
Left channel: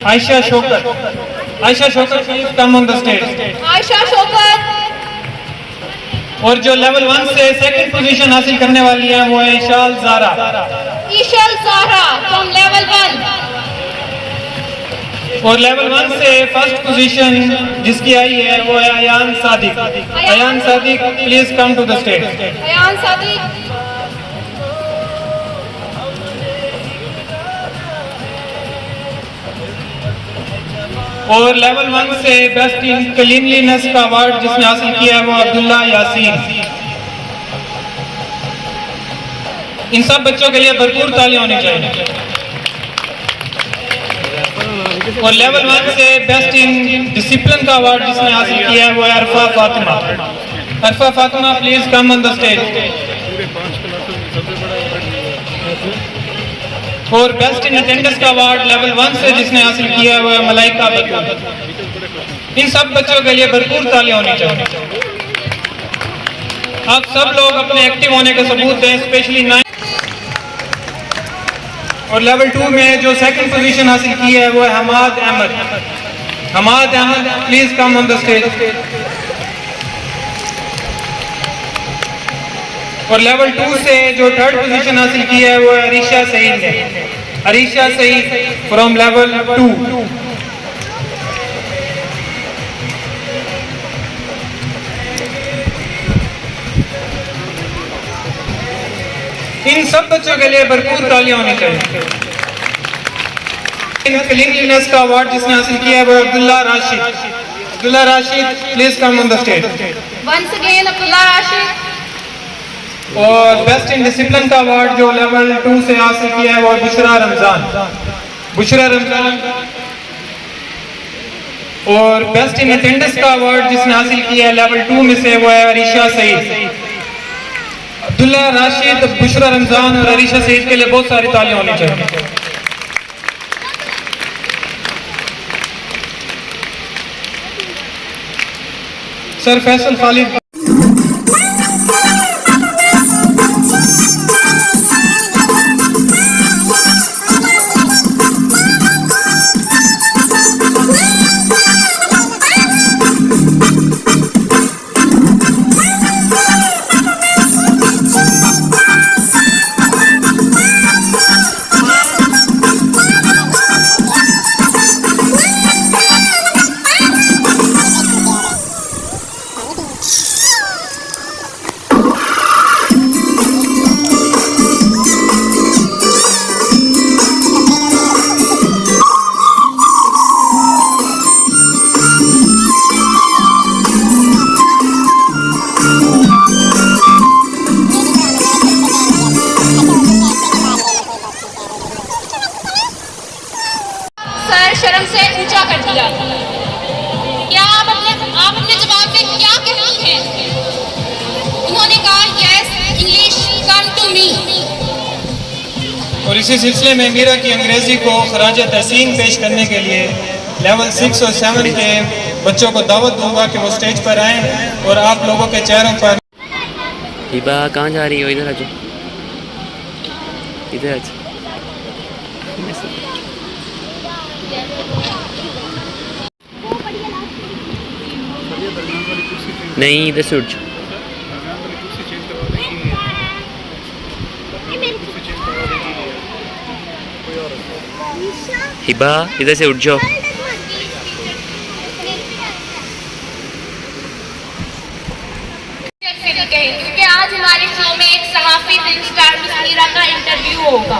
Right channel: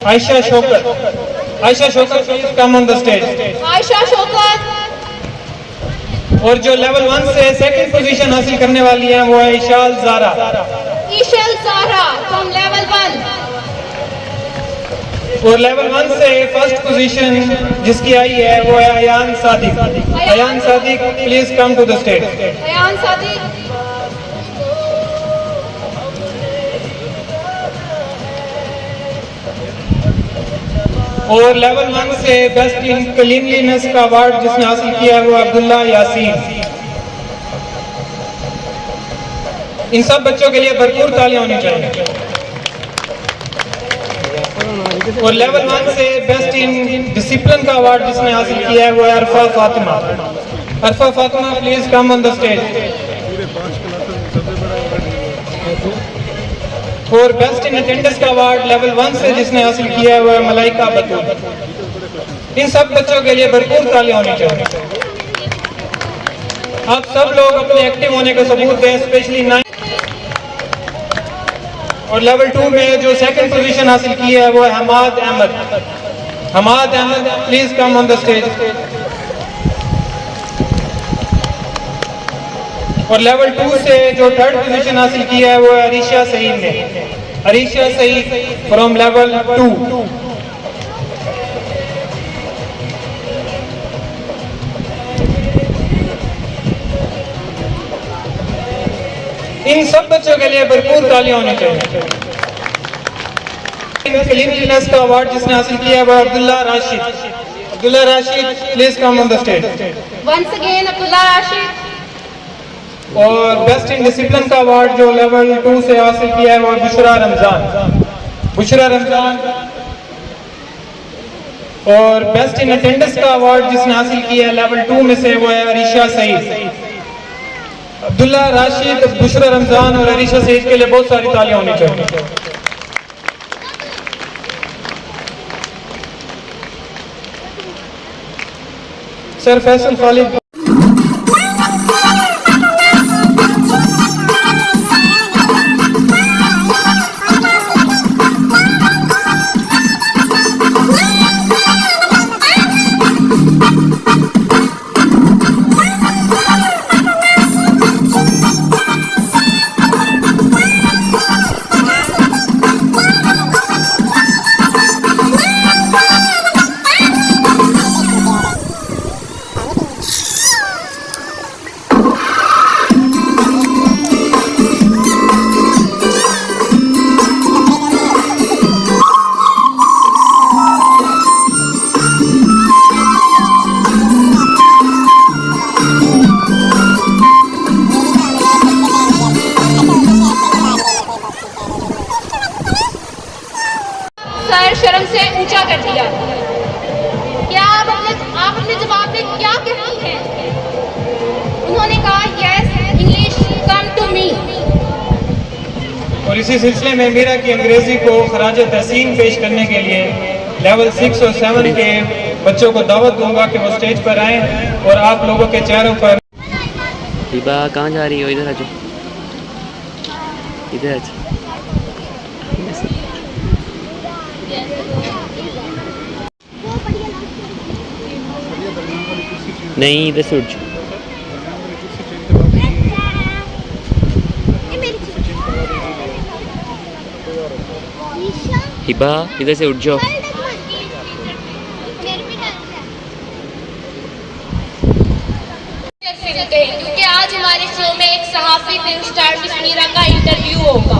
Aisha Shokat. Aisha Shokat, please come on the stage. Ayesha Shaukat. और जो लेवल 1 से सेकंड पोजीशन हासिल करने वाली है वो है इशाल ज़ारा। ईशल सारा फ्रॉम लेवल 1। और लेवल 1 से फर्स्ट पोजीशन जिसकी आई है वो है Ayan Sadiq. Ayan Sadiq, please come to the stage. Ayan Sadiq. और लेवल 1 से बेस्ट इन क्लीनलीनेस का अवार्ड जिसने हासिल किया है वो अब्दुल्ला यासीन। इन सब बच्चों के लिए भरपूर तालियां होनी चाहिए। और लेवल 1 से बेस्ट इन डिसिप्लिन का अवार्ड जिसने हासिल किया है वो है Arfa Fatima. Arfa Fatima please come on the stage. और बेस्ट इन अटेंडेंस का अवार्ड लेवल 1 से जिसने हासिल किया है वो है मलाइका बतूल। इन सब बच्चों के लिए भरपूर तालियां होनी चाहिए। आप सब लोग अपने एक्टिव होने का सबूत दें, स्पेशली 9 और लेवल 2 में जो सेकंड पोजीशन हासिल की है वो है Hammad Ahmed. Hammad Ahmed please come on the stage. और लेवल 2 से जो थर्ड पोजीशन हासिल की है वो है अरीशा सईद ने। Arisha Saeed from level 2। इन सब बच्चों के लिए भरपूर तालियां होनी चाहिए। क्लीनलीनेस का अवार्ड जिसने हासिल किया है वो Abdullah Rashid. Abdullah Rashid please come on the stage. Once again Abdullah Rashid. और बेस्ट इन डिसिप्लिन का अवार्ड जो लेवल 2 से हासिल किया है वो बुशरा रमजान। बुशरा रमजान। और बेस्ट इन अटेंडेंस का अवार्ड जिसने हासिल किया है लेवल 2 में से वो है अरीशा सईद। अब्दुल्ला राशिद, बुशरा रमजान और अरीशा सईद के लिए बहुत सारी तालियां होनी चाहिए। सर फैसल खालिद। सर शर्म से ऊंचा कर दिया। क्या आप अपने जवाब में क्या कहती हैं? उन्होंने कहा yes English come to me. और इसी सिलसिले में मीरा की अंग्रेजी को खराज तहसीन पेश करने के लिए लेवल 6 और 7 के बच्चों को दावत दूंगा कि वो स्टेज पर आएं और आप लोगों के चेहरों पर। हिबा कहाँ जा रही हो? इधर आ जाओ, इधर आ जाओ। नहीं, इधर से उठ जाओ। हिबा इधर से उठ जाओ। क्योंकि आज हमारे शो में एक सहाफी फिल्म स्टार मिस मीरा का इंटरव्यू होगा,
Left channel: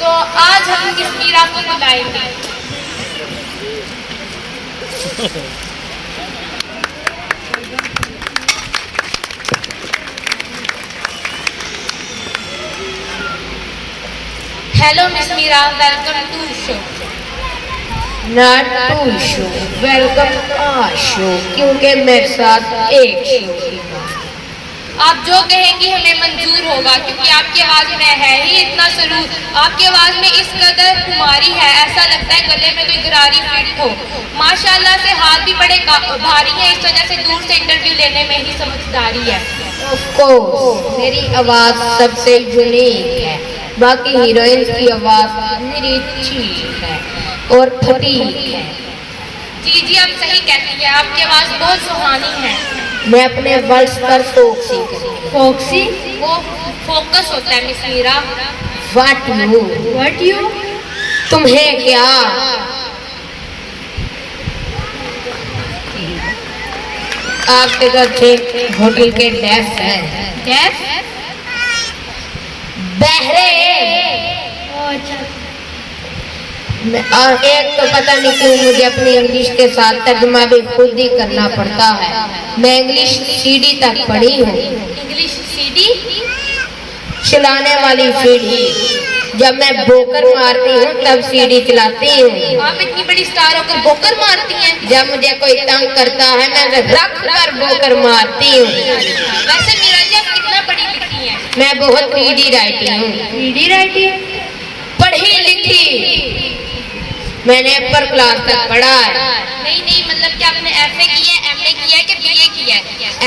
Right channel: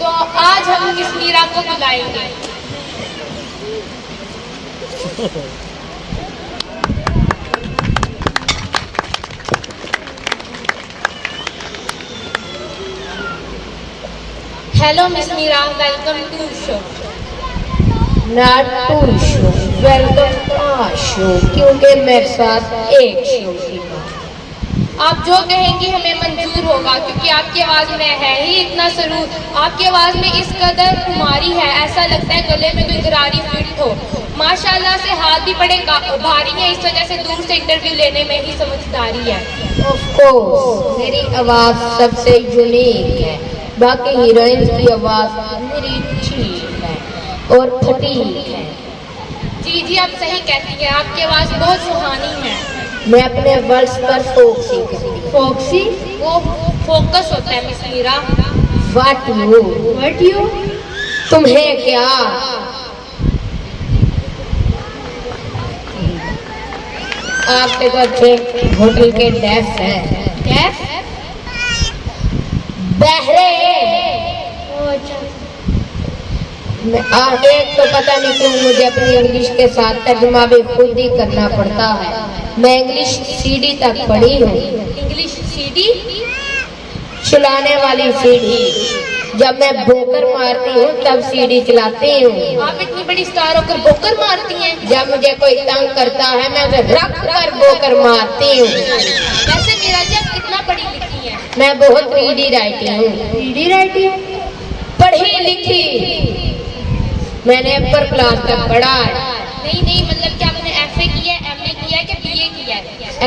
तो आज हम मिस मीरा को बुलाएंगे। Hello miss Meera, welcome to show. Not to show, welcome show, क्योंकि मेरे साथ एक शो। आप जो कहेंगी हमें मंजूर होगा, क्योंकि आपकी आवाज़ में है ही इतना सरूर, आपकी आवाज़ में इस कदर खुमारी है, ऐसा लगता है गले में कोई गरारी फिट हो। माशाल्लाह से हाथ भी बड़े भारी हैं, इस वजह से दूर से इंटरव्यू लेने में ही समझदारी है। ऑफ कोर्स मेरी आवाज़ सबसे यूनिक है, बाकी हीरोइंस की आवाज़ मेरी ठीक है और फटीक है। जी जी आप सही कहती हैं, आपकी आवाज़ बहुत सुहानी है। मैं अपने वर्ड्स पर फोक्सी करती हूँ। फोक्सी वो फोकस होता है मिस मीरा। व्हाट यू तुम्हें क्या? आपके घर थे होटल के डेफ है। डेफ? बहरे। एक तो पता नहीं क्यों मुझे अपनी इंग्लिश के साथ तर्जुमा भी खुद ही करना पड़ता है। मैं इंग्लिश सीढ़ी तक पढ़ी हूँ। English CD? चलाने वाली सीढ़ी। जब मैं बोकर मारती हूँ तब सीढ़ी चलाती हूँ। आप इतनी बड़ी स्टार होकर बोकर मारती हैं? जब मुझे कोई तंग करता है मैं रख कर बोकर मारती हूँ। वैसे मीरा जी आप कितना पढ़ी लिखी हैं? मैं बहुत रीडी राइटी हूँ। Reedy righty? पढ़ी लिखी, मैंने अपर क्लास तक पढ़ा है। नहीं मतलब कि आपने एफए किया है, एमए किया है कि बीए किया है?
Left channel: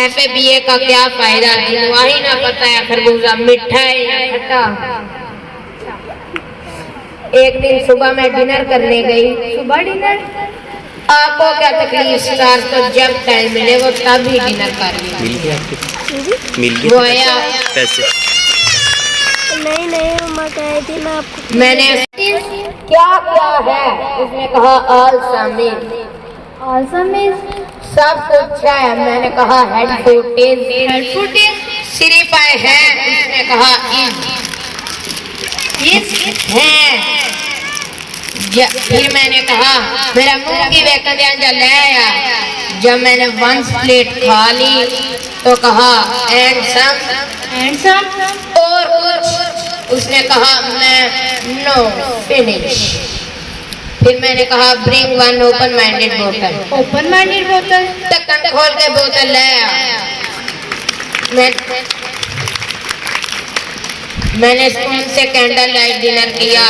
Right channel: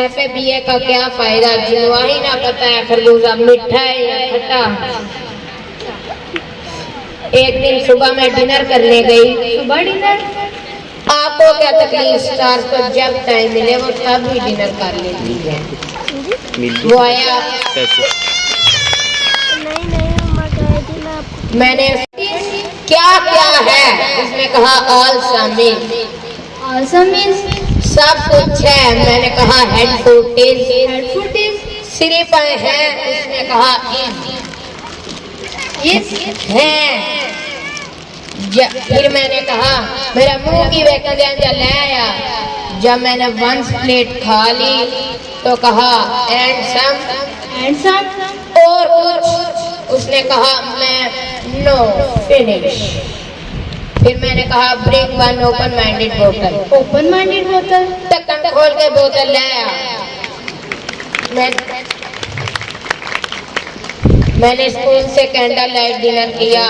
एफए बीए का क्या फायदा, जिनवा ही ना पता है खरबूजा मीठा है या खट्टा। एक दिन सुबह मैं डिनर करने गई। सुबह डिनर? आपको क्या तकलीफ स्टार, तो जब टाइम मिले वो तब ही डिनर कर ले। वो आया, पैसे मैंने क्या क्या है उसने कहा ऑल शामिल। ऑल शामिल? सब कुछ है। मैंने कहा हेड फुटेज। Head footage? सिर्फ है। उसने कहा इस है। फिर मैंने कहा मेरा मुंह की वेकंदियां ले आया। जब मैंने 1 प्लेट खा ली तो कहा एंड सम और कुछ। उसने कहा मैं नो फिनिश। फिर मैंने कहा ब्रिंग 1 ओपन माइंडेड बोतल। ओपन माइंडेड बोतल? ढक्कन खोल के बोतल ले आया। मैंने स्पून से कैंडल लाइट डिनर किया।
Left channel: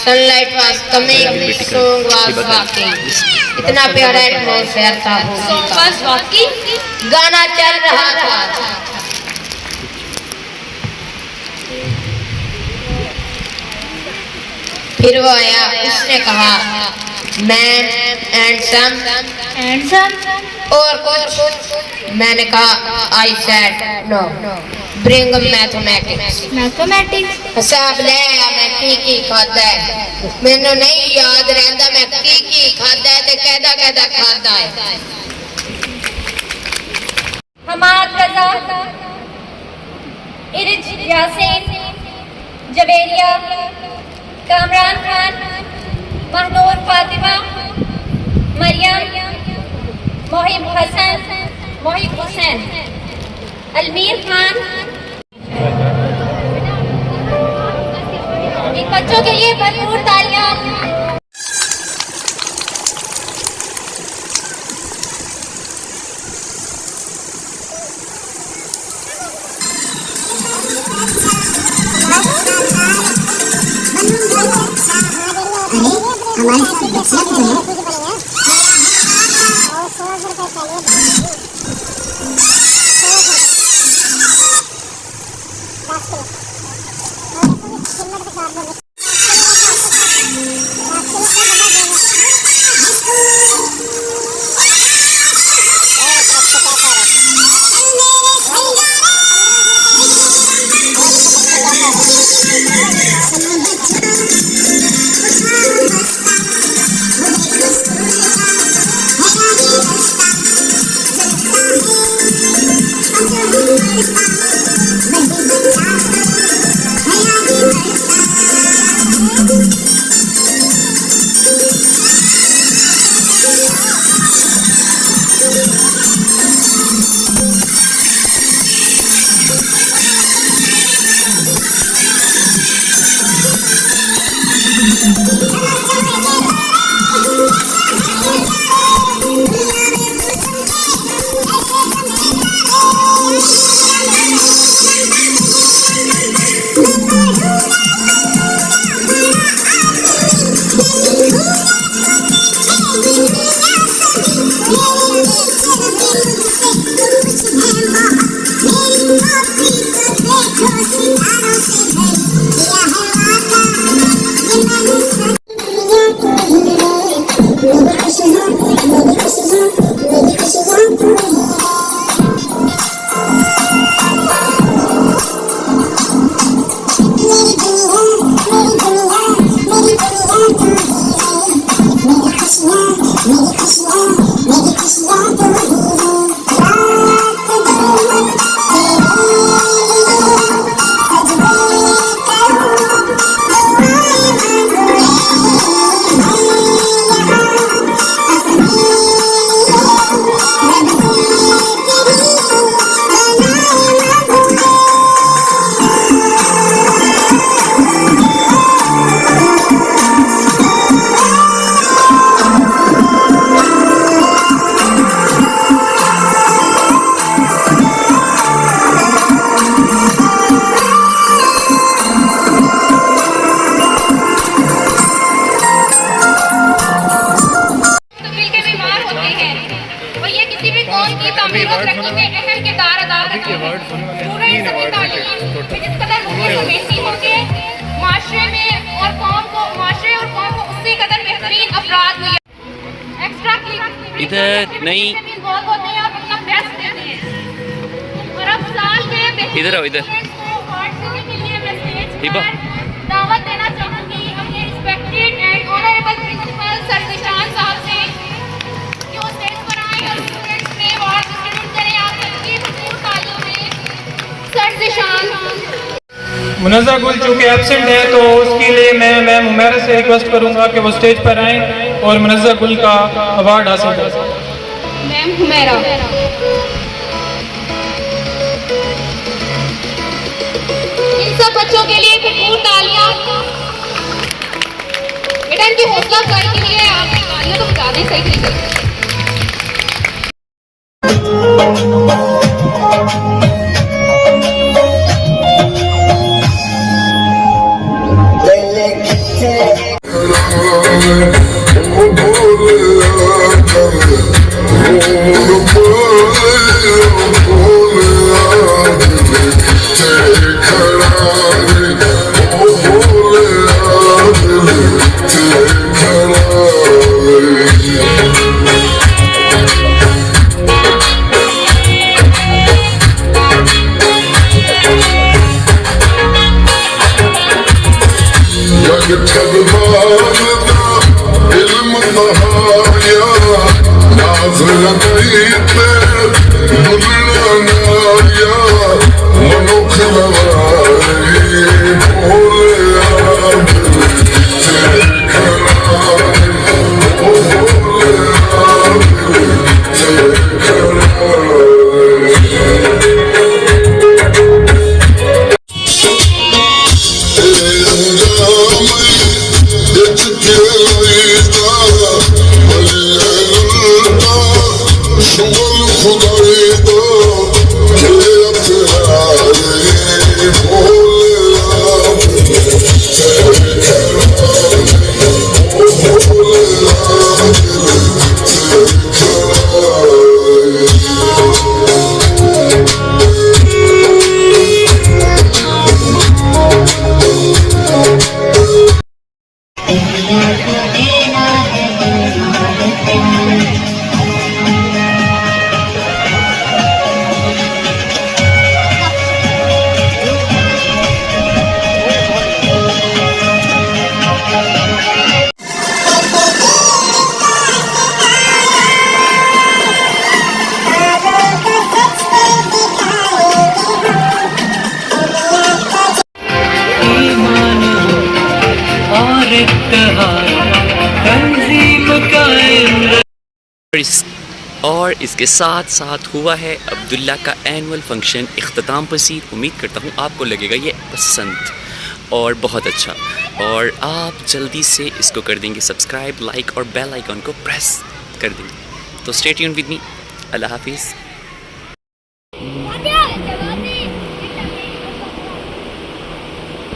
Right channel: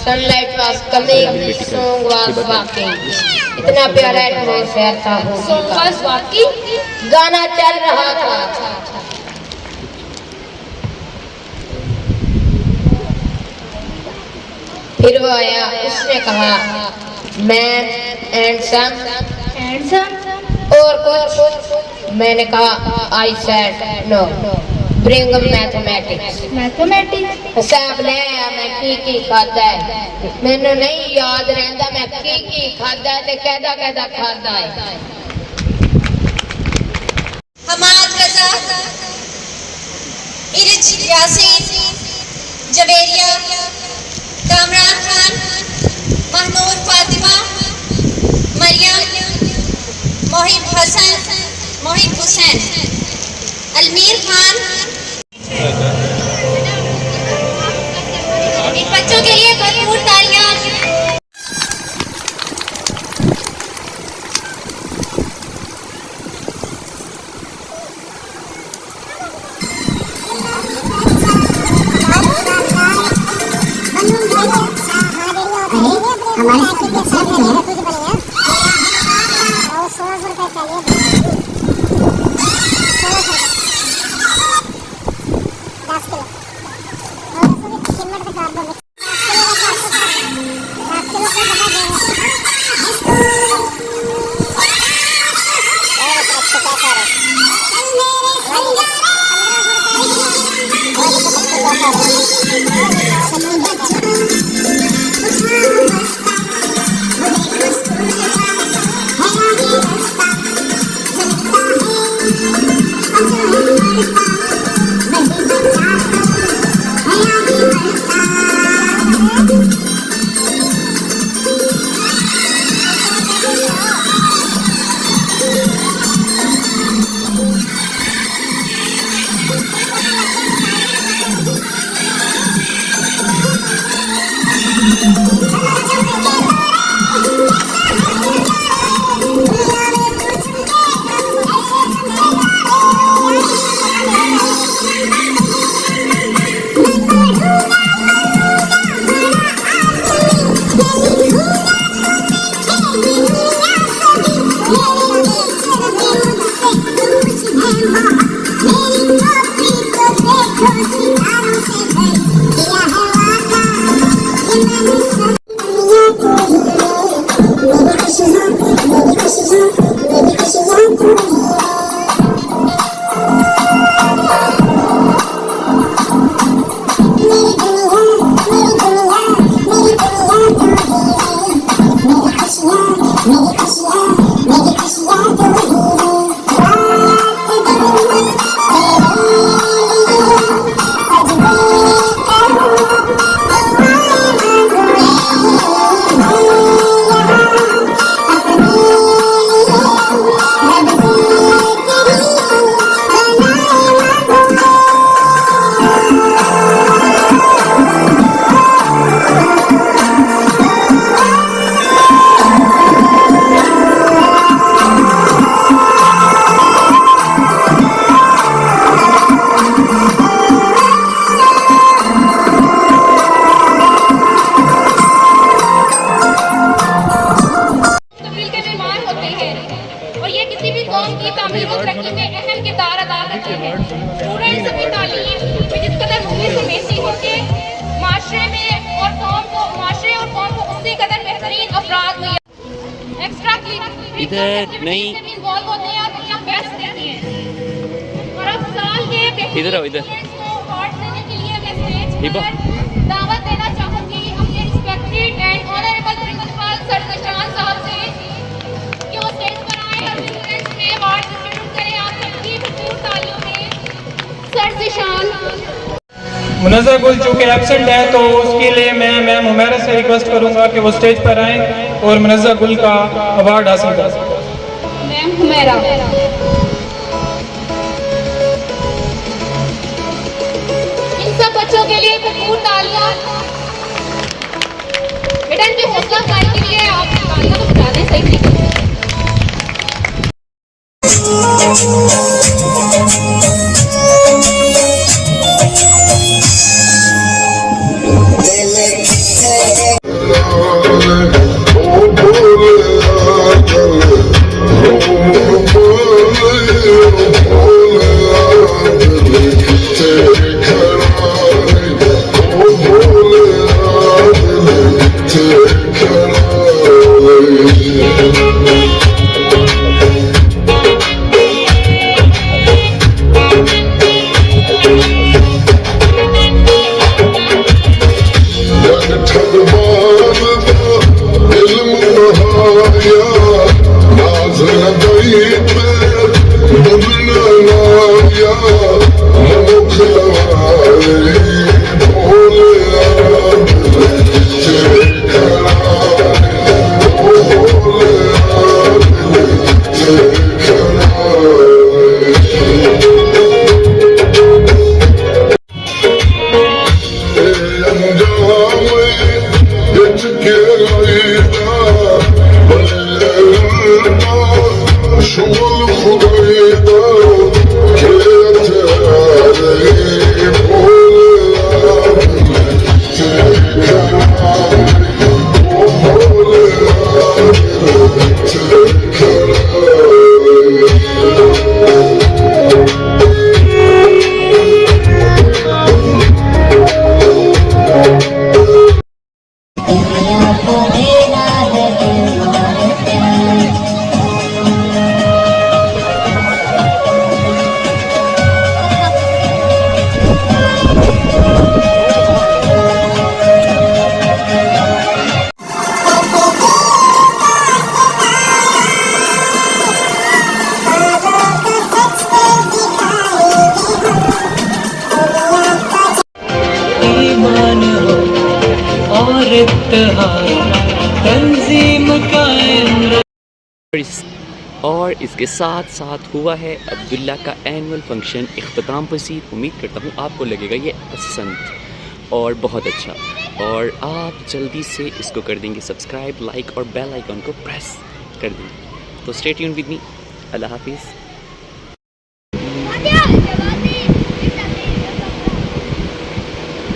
Sunlight was coming, song was walking. इतना प्यारा एटमॉस्फेयर था। Song was walking? गाना चल रहा था। फिर वो आया, उसने कहा मैन एंड सम और कुछ। मैंने कहा I said know bring mathematics. हिसाब ले आया। मैं की खाता है, मैनू नहीं याद रहता मैं की खाता है ते कहदा खाता है। हमाद रजा, इर्ज यासीन, जवेरिया, कामरान खान, महनूर फातिमा, मरियम, मोहिब हुसैन, अलमीर खान। इन बच्चों के लिए भरपूर तालियां। इधर नहीं, बहुत बहुत नहीं, आप इतना बेस्ट नहीं है। और अब साल के इधर आओ, इधर। अवार्ड देने के लिए मैं स्टेज हिबा। पर दावत देना चाहूँगी अपने respected and honourable principal sir Nishan sahab से कि वो स्टेज पर आए और स्टूडेंट्स में अवार्ड डिस्ट्रीब्यूट करें। आप सबकी भरपूर तालियों में सर निशान। मुनज़्ज़ा गुल चूँकि एब्सेंट है तो उसके लिए मैं मैम हुमैरा से रिक्वेस्ट करूँगा कि वो स्टेज पर आएँ और मुनज़्ज़ा गुल का अवार्ड हासिल करें। मैम हुमैरा। इन सब बच्चों के लिए भरपूर तालियां। बेटा इनकी हौसला अफजाई के लिए आप तालियां तो बजा दें सही तरीके से। और इसके साथ साथ हुआ है अब्दुल्ला का एनुअल फंक्शन इख्तिताम पसीर। उम्मीद करता हूँ आपको लगेगा ये पसंद और बहुत अच्छा, और आप जल्दी से इसको कर देंगे सब्सक्राइब, लाइक और बेल आइकन को प्रेस कर देंगे। तो स्टे ट्यून्ड विद मी। अल्लाह हाफिज़।